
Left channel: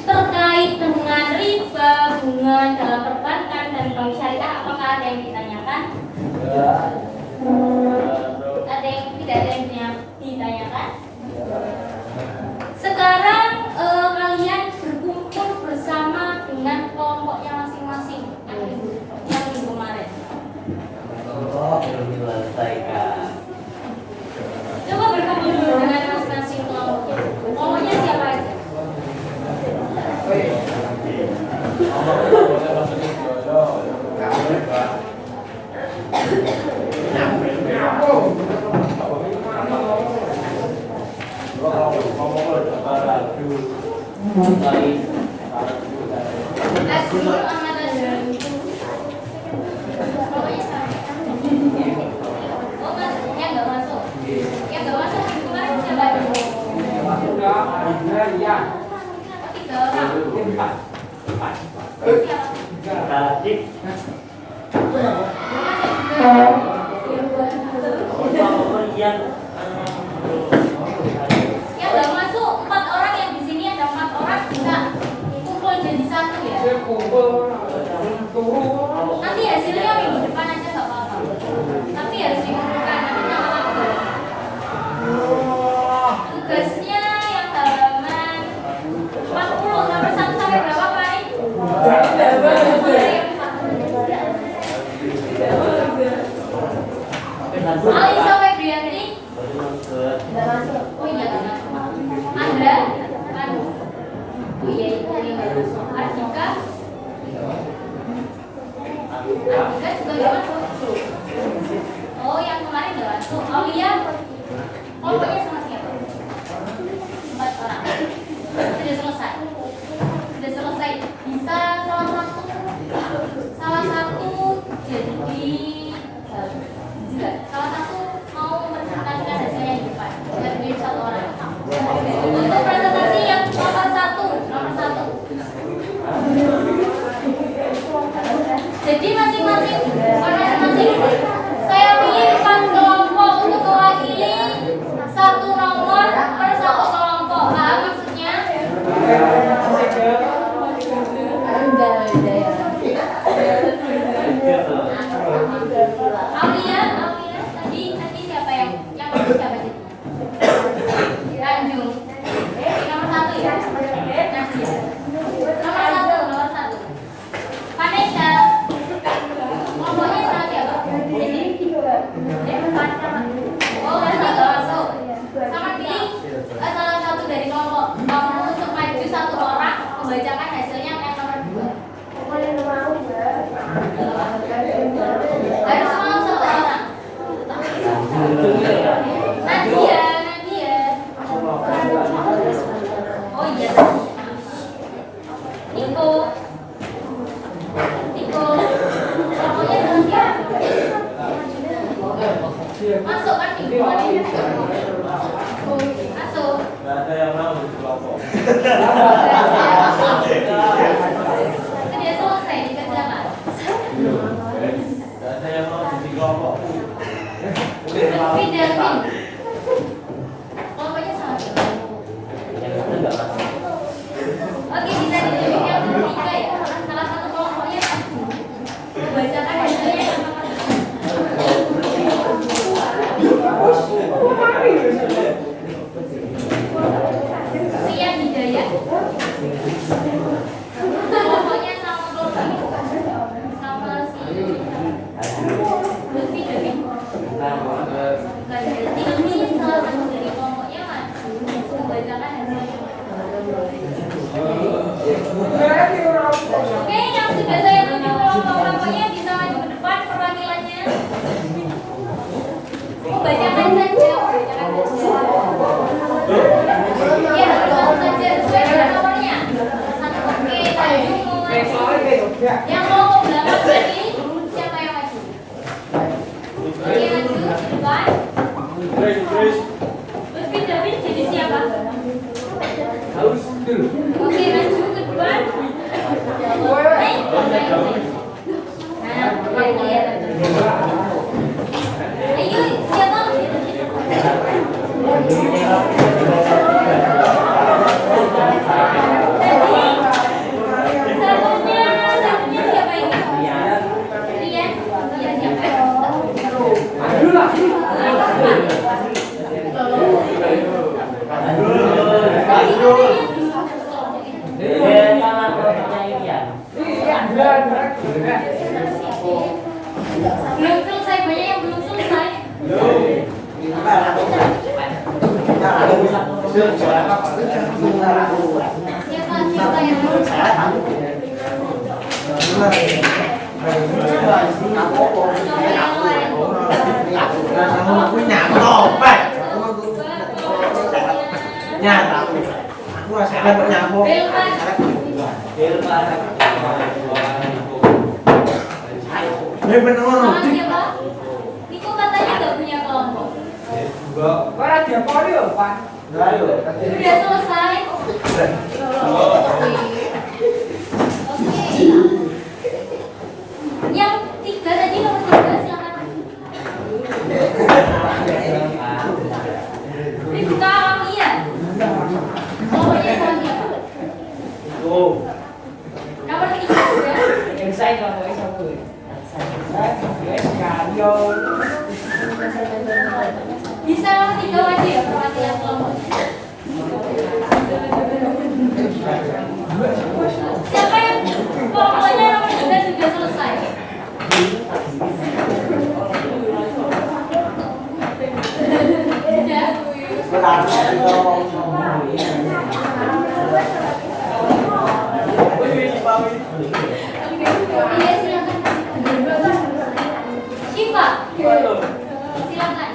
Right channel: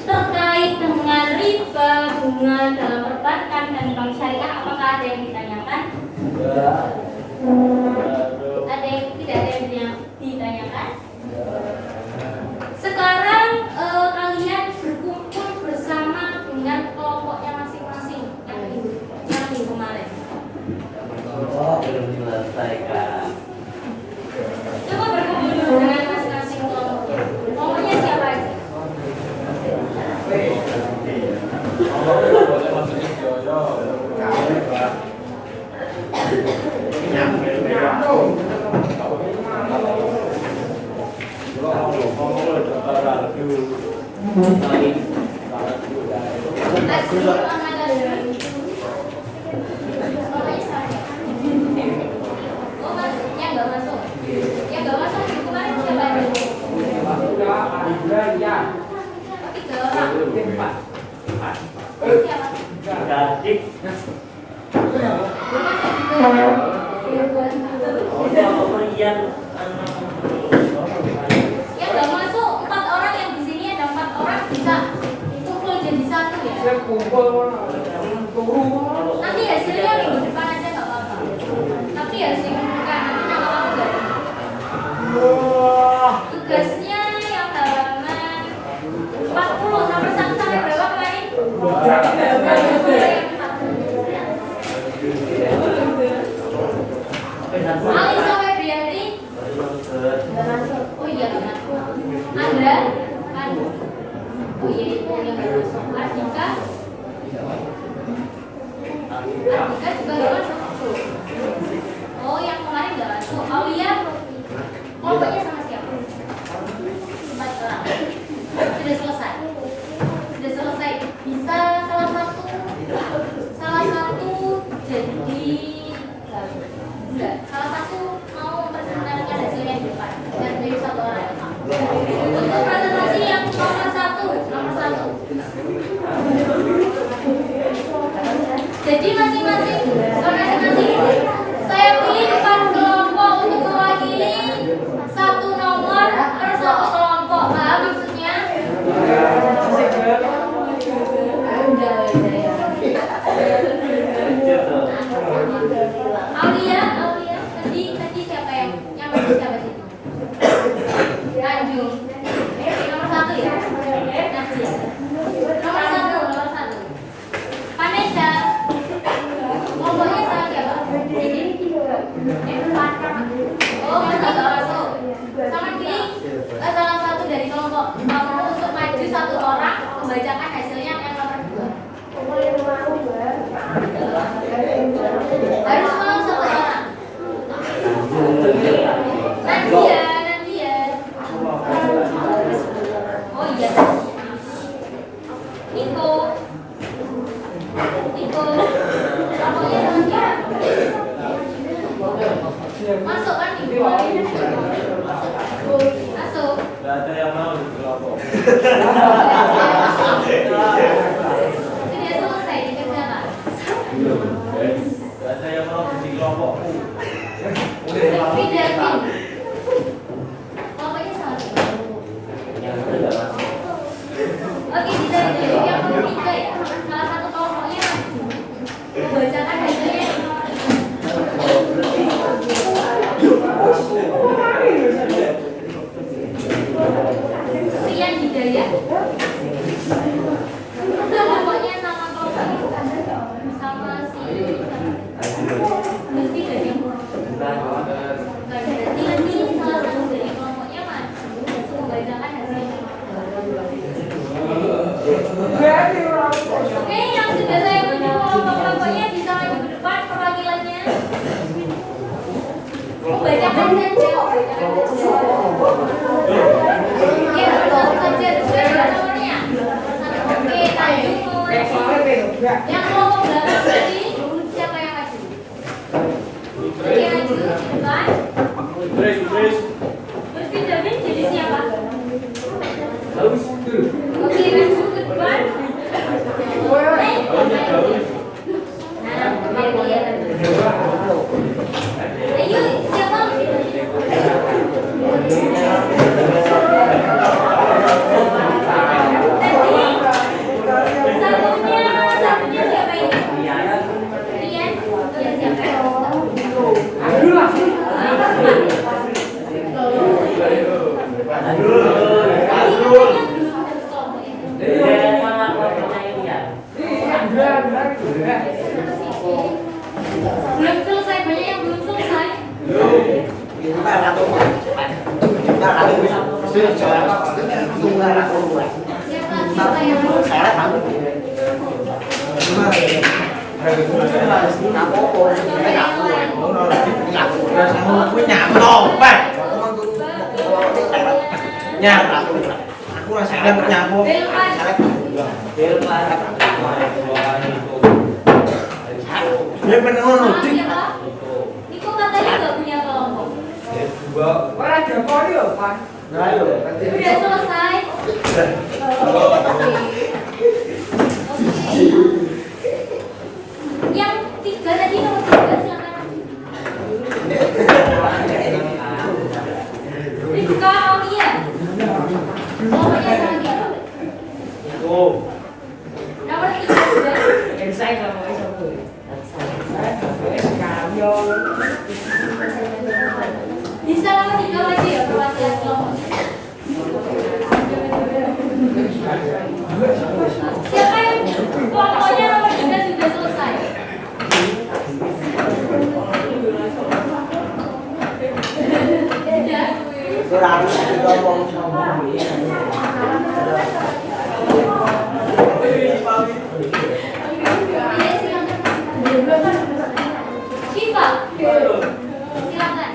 Terkait dengan riba, bunga dalam perbankan dan bank syariah, apakah ada yang ditanyakan? Ada yang tidak ada yang ditanyakan? Sekarang kalian berkumpul bersama dengan kelompoknya masing-masing yang minggu kemarin. Belum diselesaikan. Coba berkumpul dulu dengan masing-masing kelompoknya. Kelompoknya siapa aja? Asrul Ahmad Azhar. Oh, masuknya nggak masuk. Yang nggak masuk minggu kemarin siapa aja? 3 orang. Siapa? Yang nggak masuk 4 orang, yang di sini ada 4 orang, bisa kumpul jadi satu ya. Nanti hasilnya minggu depan aja nggak apa-apa. Tapi harus dikumpulkan nanti nama-nama. Tugasnya yang halaman 40 nomor 1 sampai berapa Pak? Alisa Febrianti nggak masuk. Oh iya nggak masuk. Andra kan? Oh iya itu yang nggak masuk. Ardika juga nggak masuk. Oh yang kemarin nggak masuk. Aulia kelompoknya sama siapa? 4 orang. Sudah selesai. Sudah selesai. Bisa salah satu jadi enggak, salah satu mau presentasikan hasilnya di depan dan jadi 1 orang. Untuk presentasi yang nomor 1. Jadi masing-masing saya pilih 4 kelompok untuk mewakili 1 nomor per 1 kelompok. Paham maksudnya? Aulia, tadi siapa yang siapa sih? Tanjung. Nomor 1 ya. Nomor 1. Vanessa. Kelompoknya sama siapa? Oh, masih nggak masuk. Sama pilih salah satu dari kelompok kamu untuk maju 1 orang membacakan hasilnya yang nomor 2. kegiatan Niko kelompoknya sama siapa? Masuk kan Niko masuk. Gak ada yang mau di kelompok. Dia selesai dikerjakan. Gak ada yang mau di kelompokku. Lutfi Davin kelompoknya sama siapa? Yang satu nggak masuk. Oke, bisa ditunjuk yang ketiga ya. Salah satu kelompoknya membacakan hasilnya yang nomor 3. Rian Hidayat. Kelompoknya sama kelompoknya sama si Lutfi Davin. Berarti nanti salah satu dari kelompoknya maju untuk membacakan hasilnya. Oke, yang sudah saya tunjuk kelompok-kelompoknya bisa maju ke depan perwakilannya. Membacakan saja. Ya, bersama saja sesuai dengan nomornya. Oke, Tanjung mau maju. Yang kelompok belakang tadi siapa yang maju? Oke, maju ke depan. Grace. Lutfi Davin jadi siapa? Halus. Oke, maju ke depan. Naik ke belakang. Nah, biar kelihatan. Ayo, siapa? Satunya siapa ini? Rian? Rian siapa? Sama kelompoknya Irian. Belum selesai, banyak yang belum selesai. Siapa yang Aku masih ada nyambung. Belvan. Dia benar. Sama siapa? Niko katanya nggak punya kelompok. Udah selesai. Oke. Yang 3 tadi nomor 3 silakan. Rifka Aulia. Kelompoknya sama siapa? Nomor 3 sudah. Bisa nomor 3 aja ya perwakilan kelompoknya. Siapa yang kelompoknya nomor 3 sudah selesai? Iya, silakan. Syifa. Silakan.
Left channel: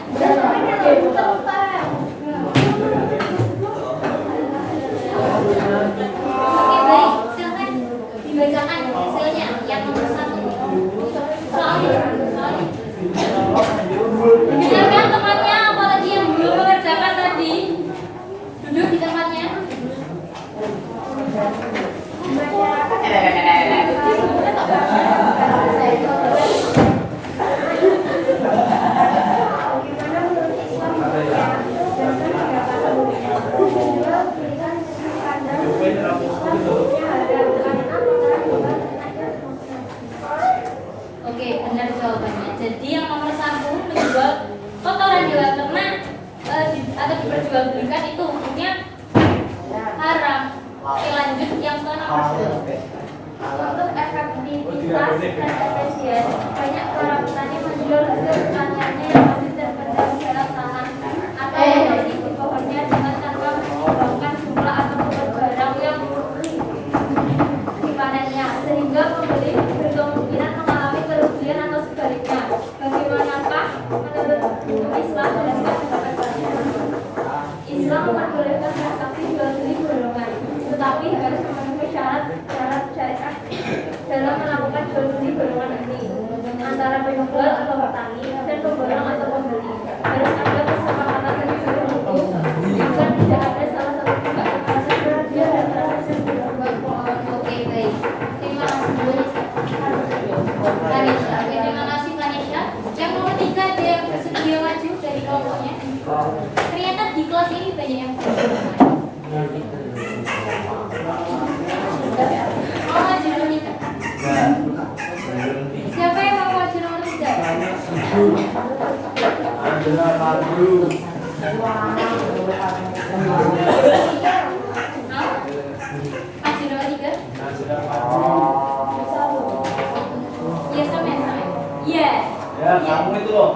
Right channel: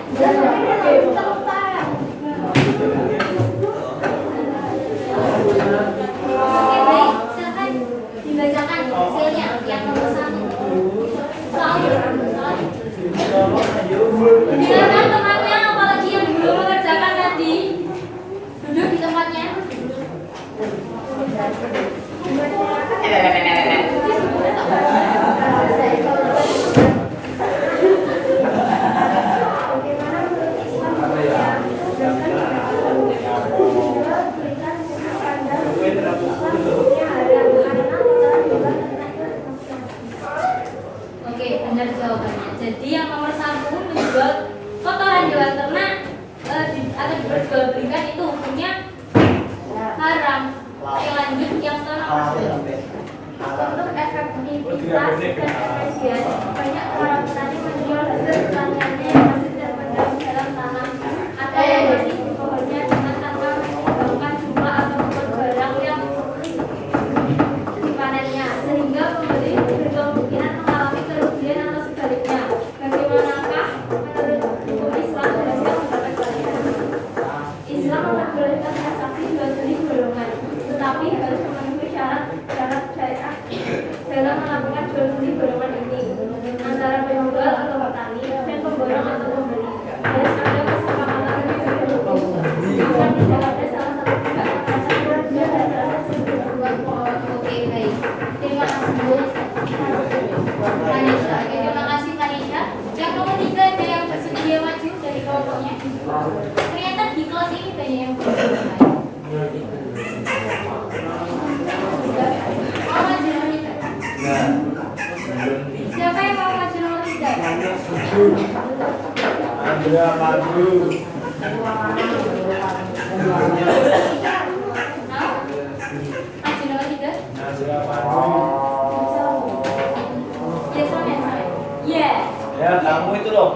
Oke, baik. Silakan dibacakan hasilnya yang nomor 1. Soalnya. Dengarkan temannya, apalagi yang belum mengerjakan tadi. Duduk di tempatnya. Oke, benar jawabannya. Jadi yang nomor 1 menjual kotoran hewan ternak atau diperjualbelikan itu hukumnya haram. Oke, lanjut yang ke nomor 2. Untuk efektivitas dan efisien, banyak para petani menjual hasil pertaniannya yang masih terpendam dalam tanah atau yang masih di pohonnya dengan tanpa menyumbangkan jumlah atau bobot barang yang dipanennya, sehingga pembeli berkemungkinan mengalami kerugian atau sebaliknya. Bagaimanakah menurut hukum Islam dan Islam pendapat kalian? Islam memperbolehkan transaksi jual beli golongan. diketahui harus memenuhi syarat syariat dalam melakukan jual beli golongan ini antara penjual atau petani dan pemborong atau pembeli. Dan ada kesepakatan terlebih dahulu agar tidak ada salah satu pihak yang merasa dia dan merasa berbuat bohong. Oke, baik. Terima kasih Kanisha. Oke, terima kasih Kanisha. Yang nomor 3 ada yang bersedia maju dari kelompoknya. Ternyata di kelas ini banyak yang bersedia. Mau maju nomor 3? Siapa yang mau maju nomor 3? Andra maju. Mau? Maju nomor 3? Andra maju. Iya, sama. Iya. Ya, kamu itu loh.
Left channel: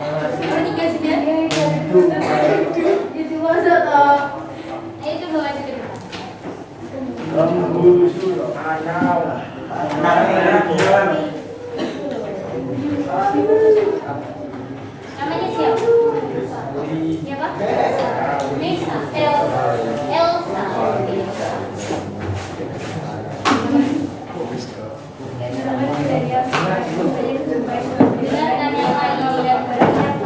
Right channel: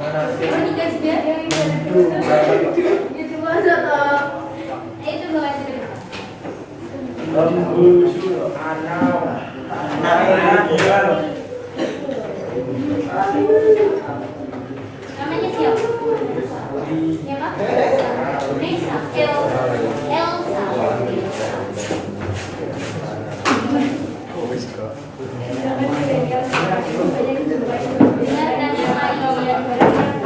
Mana sih? Nomor 3 sudah? Itu masa toh. Ayo coba maju ke depan. Lembu kanal. Namanya siapa? Siapa? Lisa. Elsa. Dengarkan yang lain.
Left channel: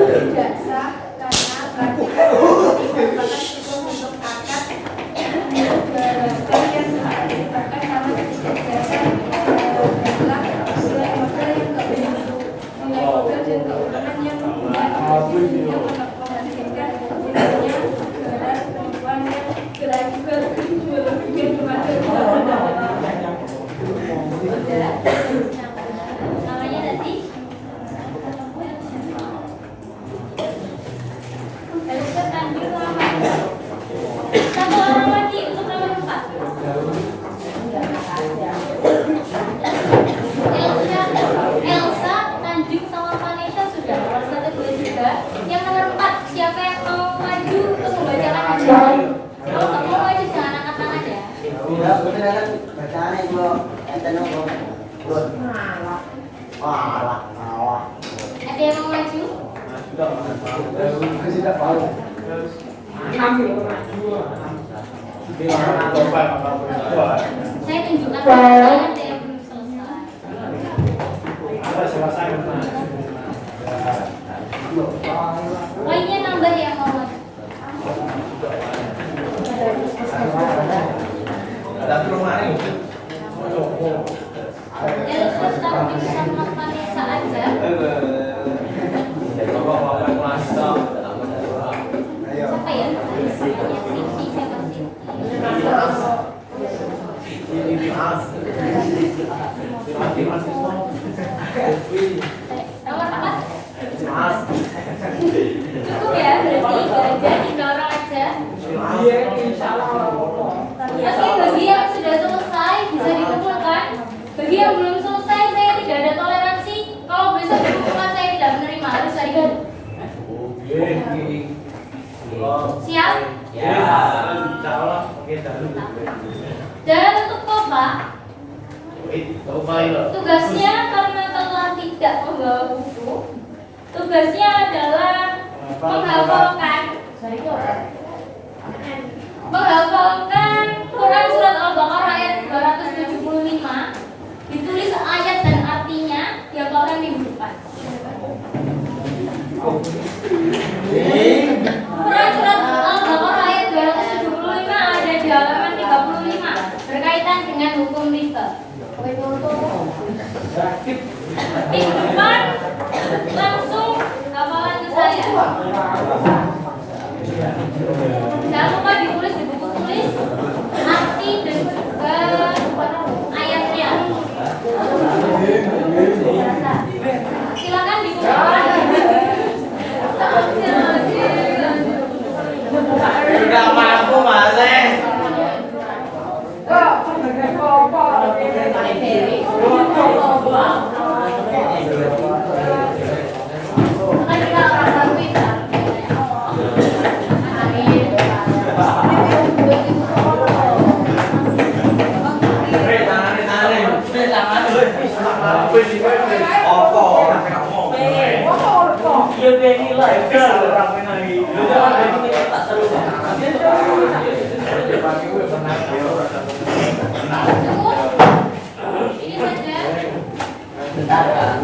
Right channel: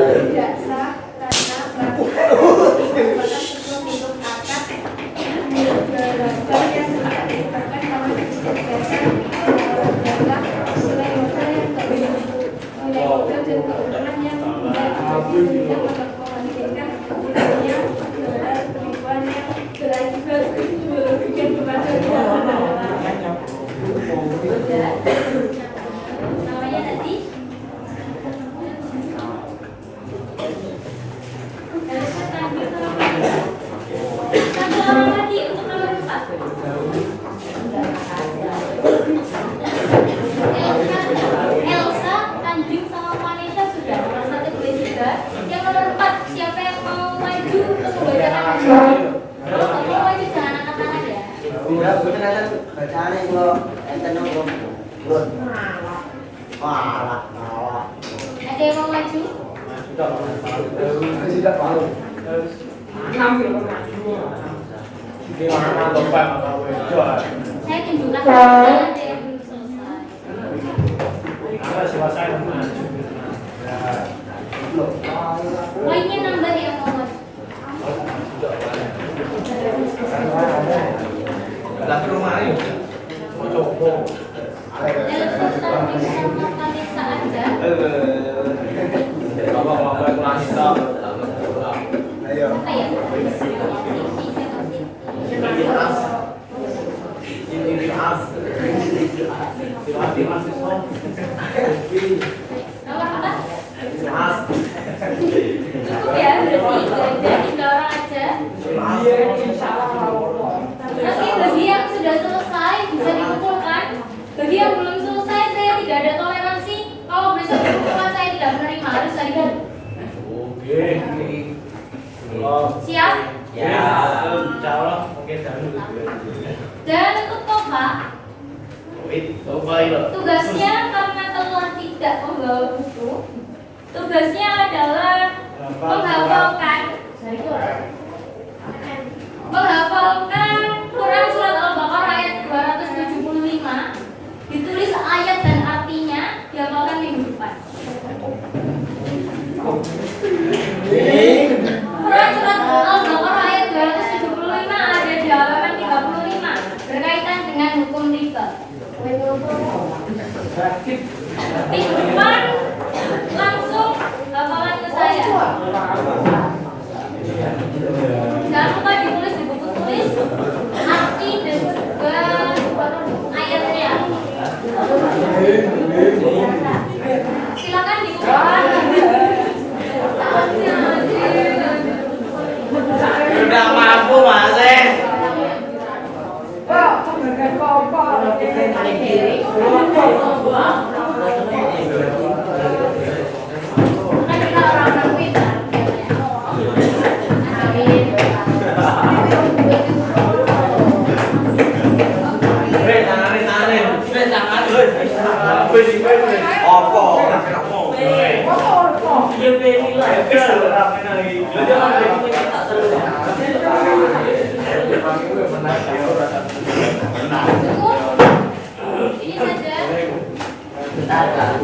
Tidak sah karena bagi merupakan sebuah bentuk akad barang yang tidak disebabkan karena kejelasan adalah nilai modal yang nilai modal dan keuntungan yang tidak sehingga mengakibatkan tidaknya segala penipuan yang berakibat kejualan kepada tidak Namanya tadi? Elsa Tanjung sama Fadila. Satu orang lagi untuk nomor 4. Elsa Tanjung sama Vanessa sudah nomor 1, 2, 3. Yang nomor 4 siapa yang mau maju untuk membacakan hasilnya? Kalau kamu mau maju jangan angkat tangan ya. Ya, bener kan bacaan itu enten belum. Wah, Ada yang mau maju? masih tak tahu. Gimana Bapak? Saya tunjukkan ada yang belum selesai. Ada selesai. Poinnya nambah yang mau maju. Ada rumah ini. Elsa Tanjung sama Vanessa aja. Ayo. Siapa ya? Siti, siapa Siti? Nomor apa? Cukup ya, berarti 3 orang aja. Oke, bagi yang sudah selesai bisa dikumpulkan. Bagi yang belum selesai saya tidak ada toleransi. Kalau besok dikumpulkan saya tidak menerima, harus hari ini. Siap? Ya. Insyaallah. Oke, Dan untuk Kopa, tugasnya karena telah tidak membawa buku, tugasnya adalah menghafalkan Quran surat Al-Baqarah ayat 275, ditulis ayat dan artinya, dihafalkan minggu depan. Quran surat Al-Baqarah ayat 275 ada di halaman 35 berkaitan dengan hukum riba. Minggu depan langsung hafalan ke saya. Jangan lupa ditulis di buku tulis arti dan juga ayatnya. Silakan dikumpulkan. Udah mampu Mas. Kan kita orang Darwin kan. Tarik. Apa? Dia beli lah. Cukup. Ini saja. Bentar, Kak.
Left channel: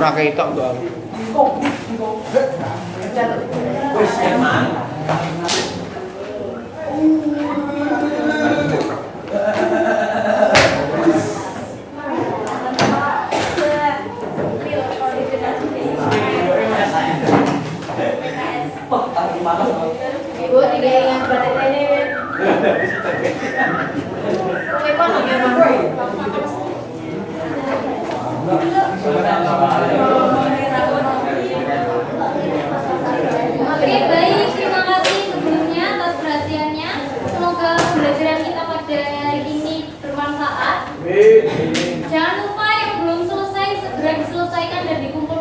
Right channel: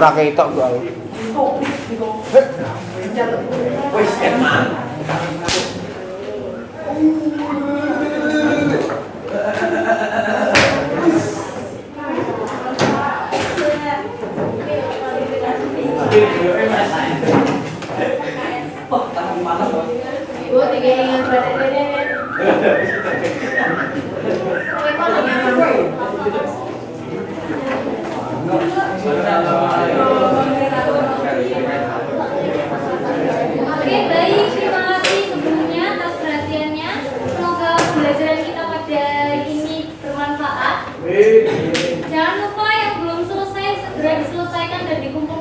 Ora ketok gua. Wis enak. Ibu tiga yang pada ini. Oke, baik. Terima kasih sebelumnya atas perhatiannya. Semoga pembelajaran kita pada hari ini bermanfaat. Jangan lupa yang belum selesai segera diselesaikan dan dikumpulkan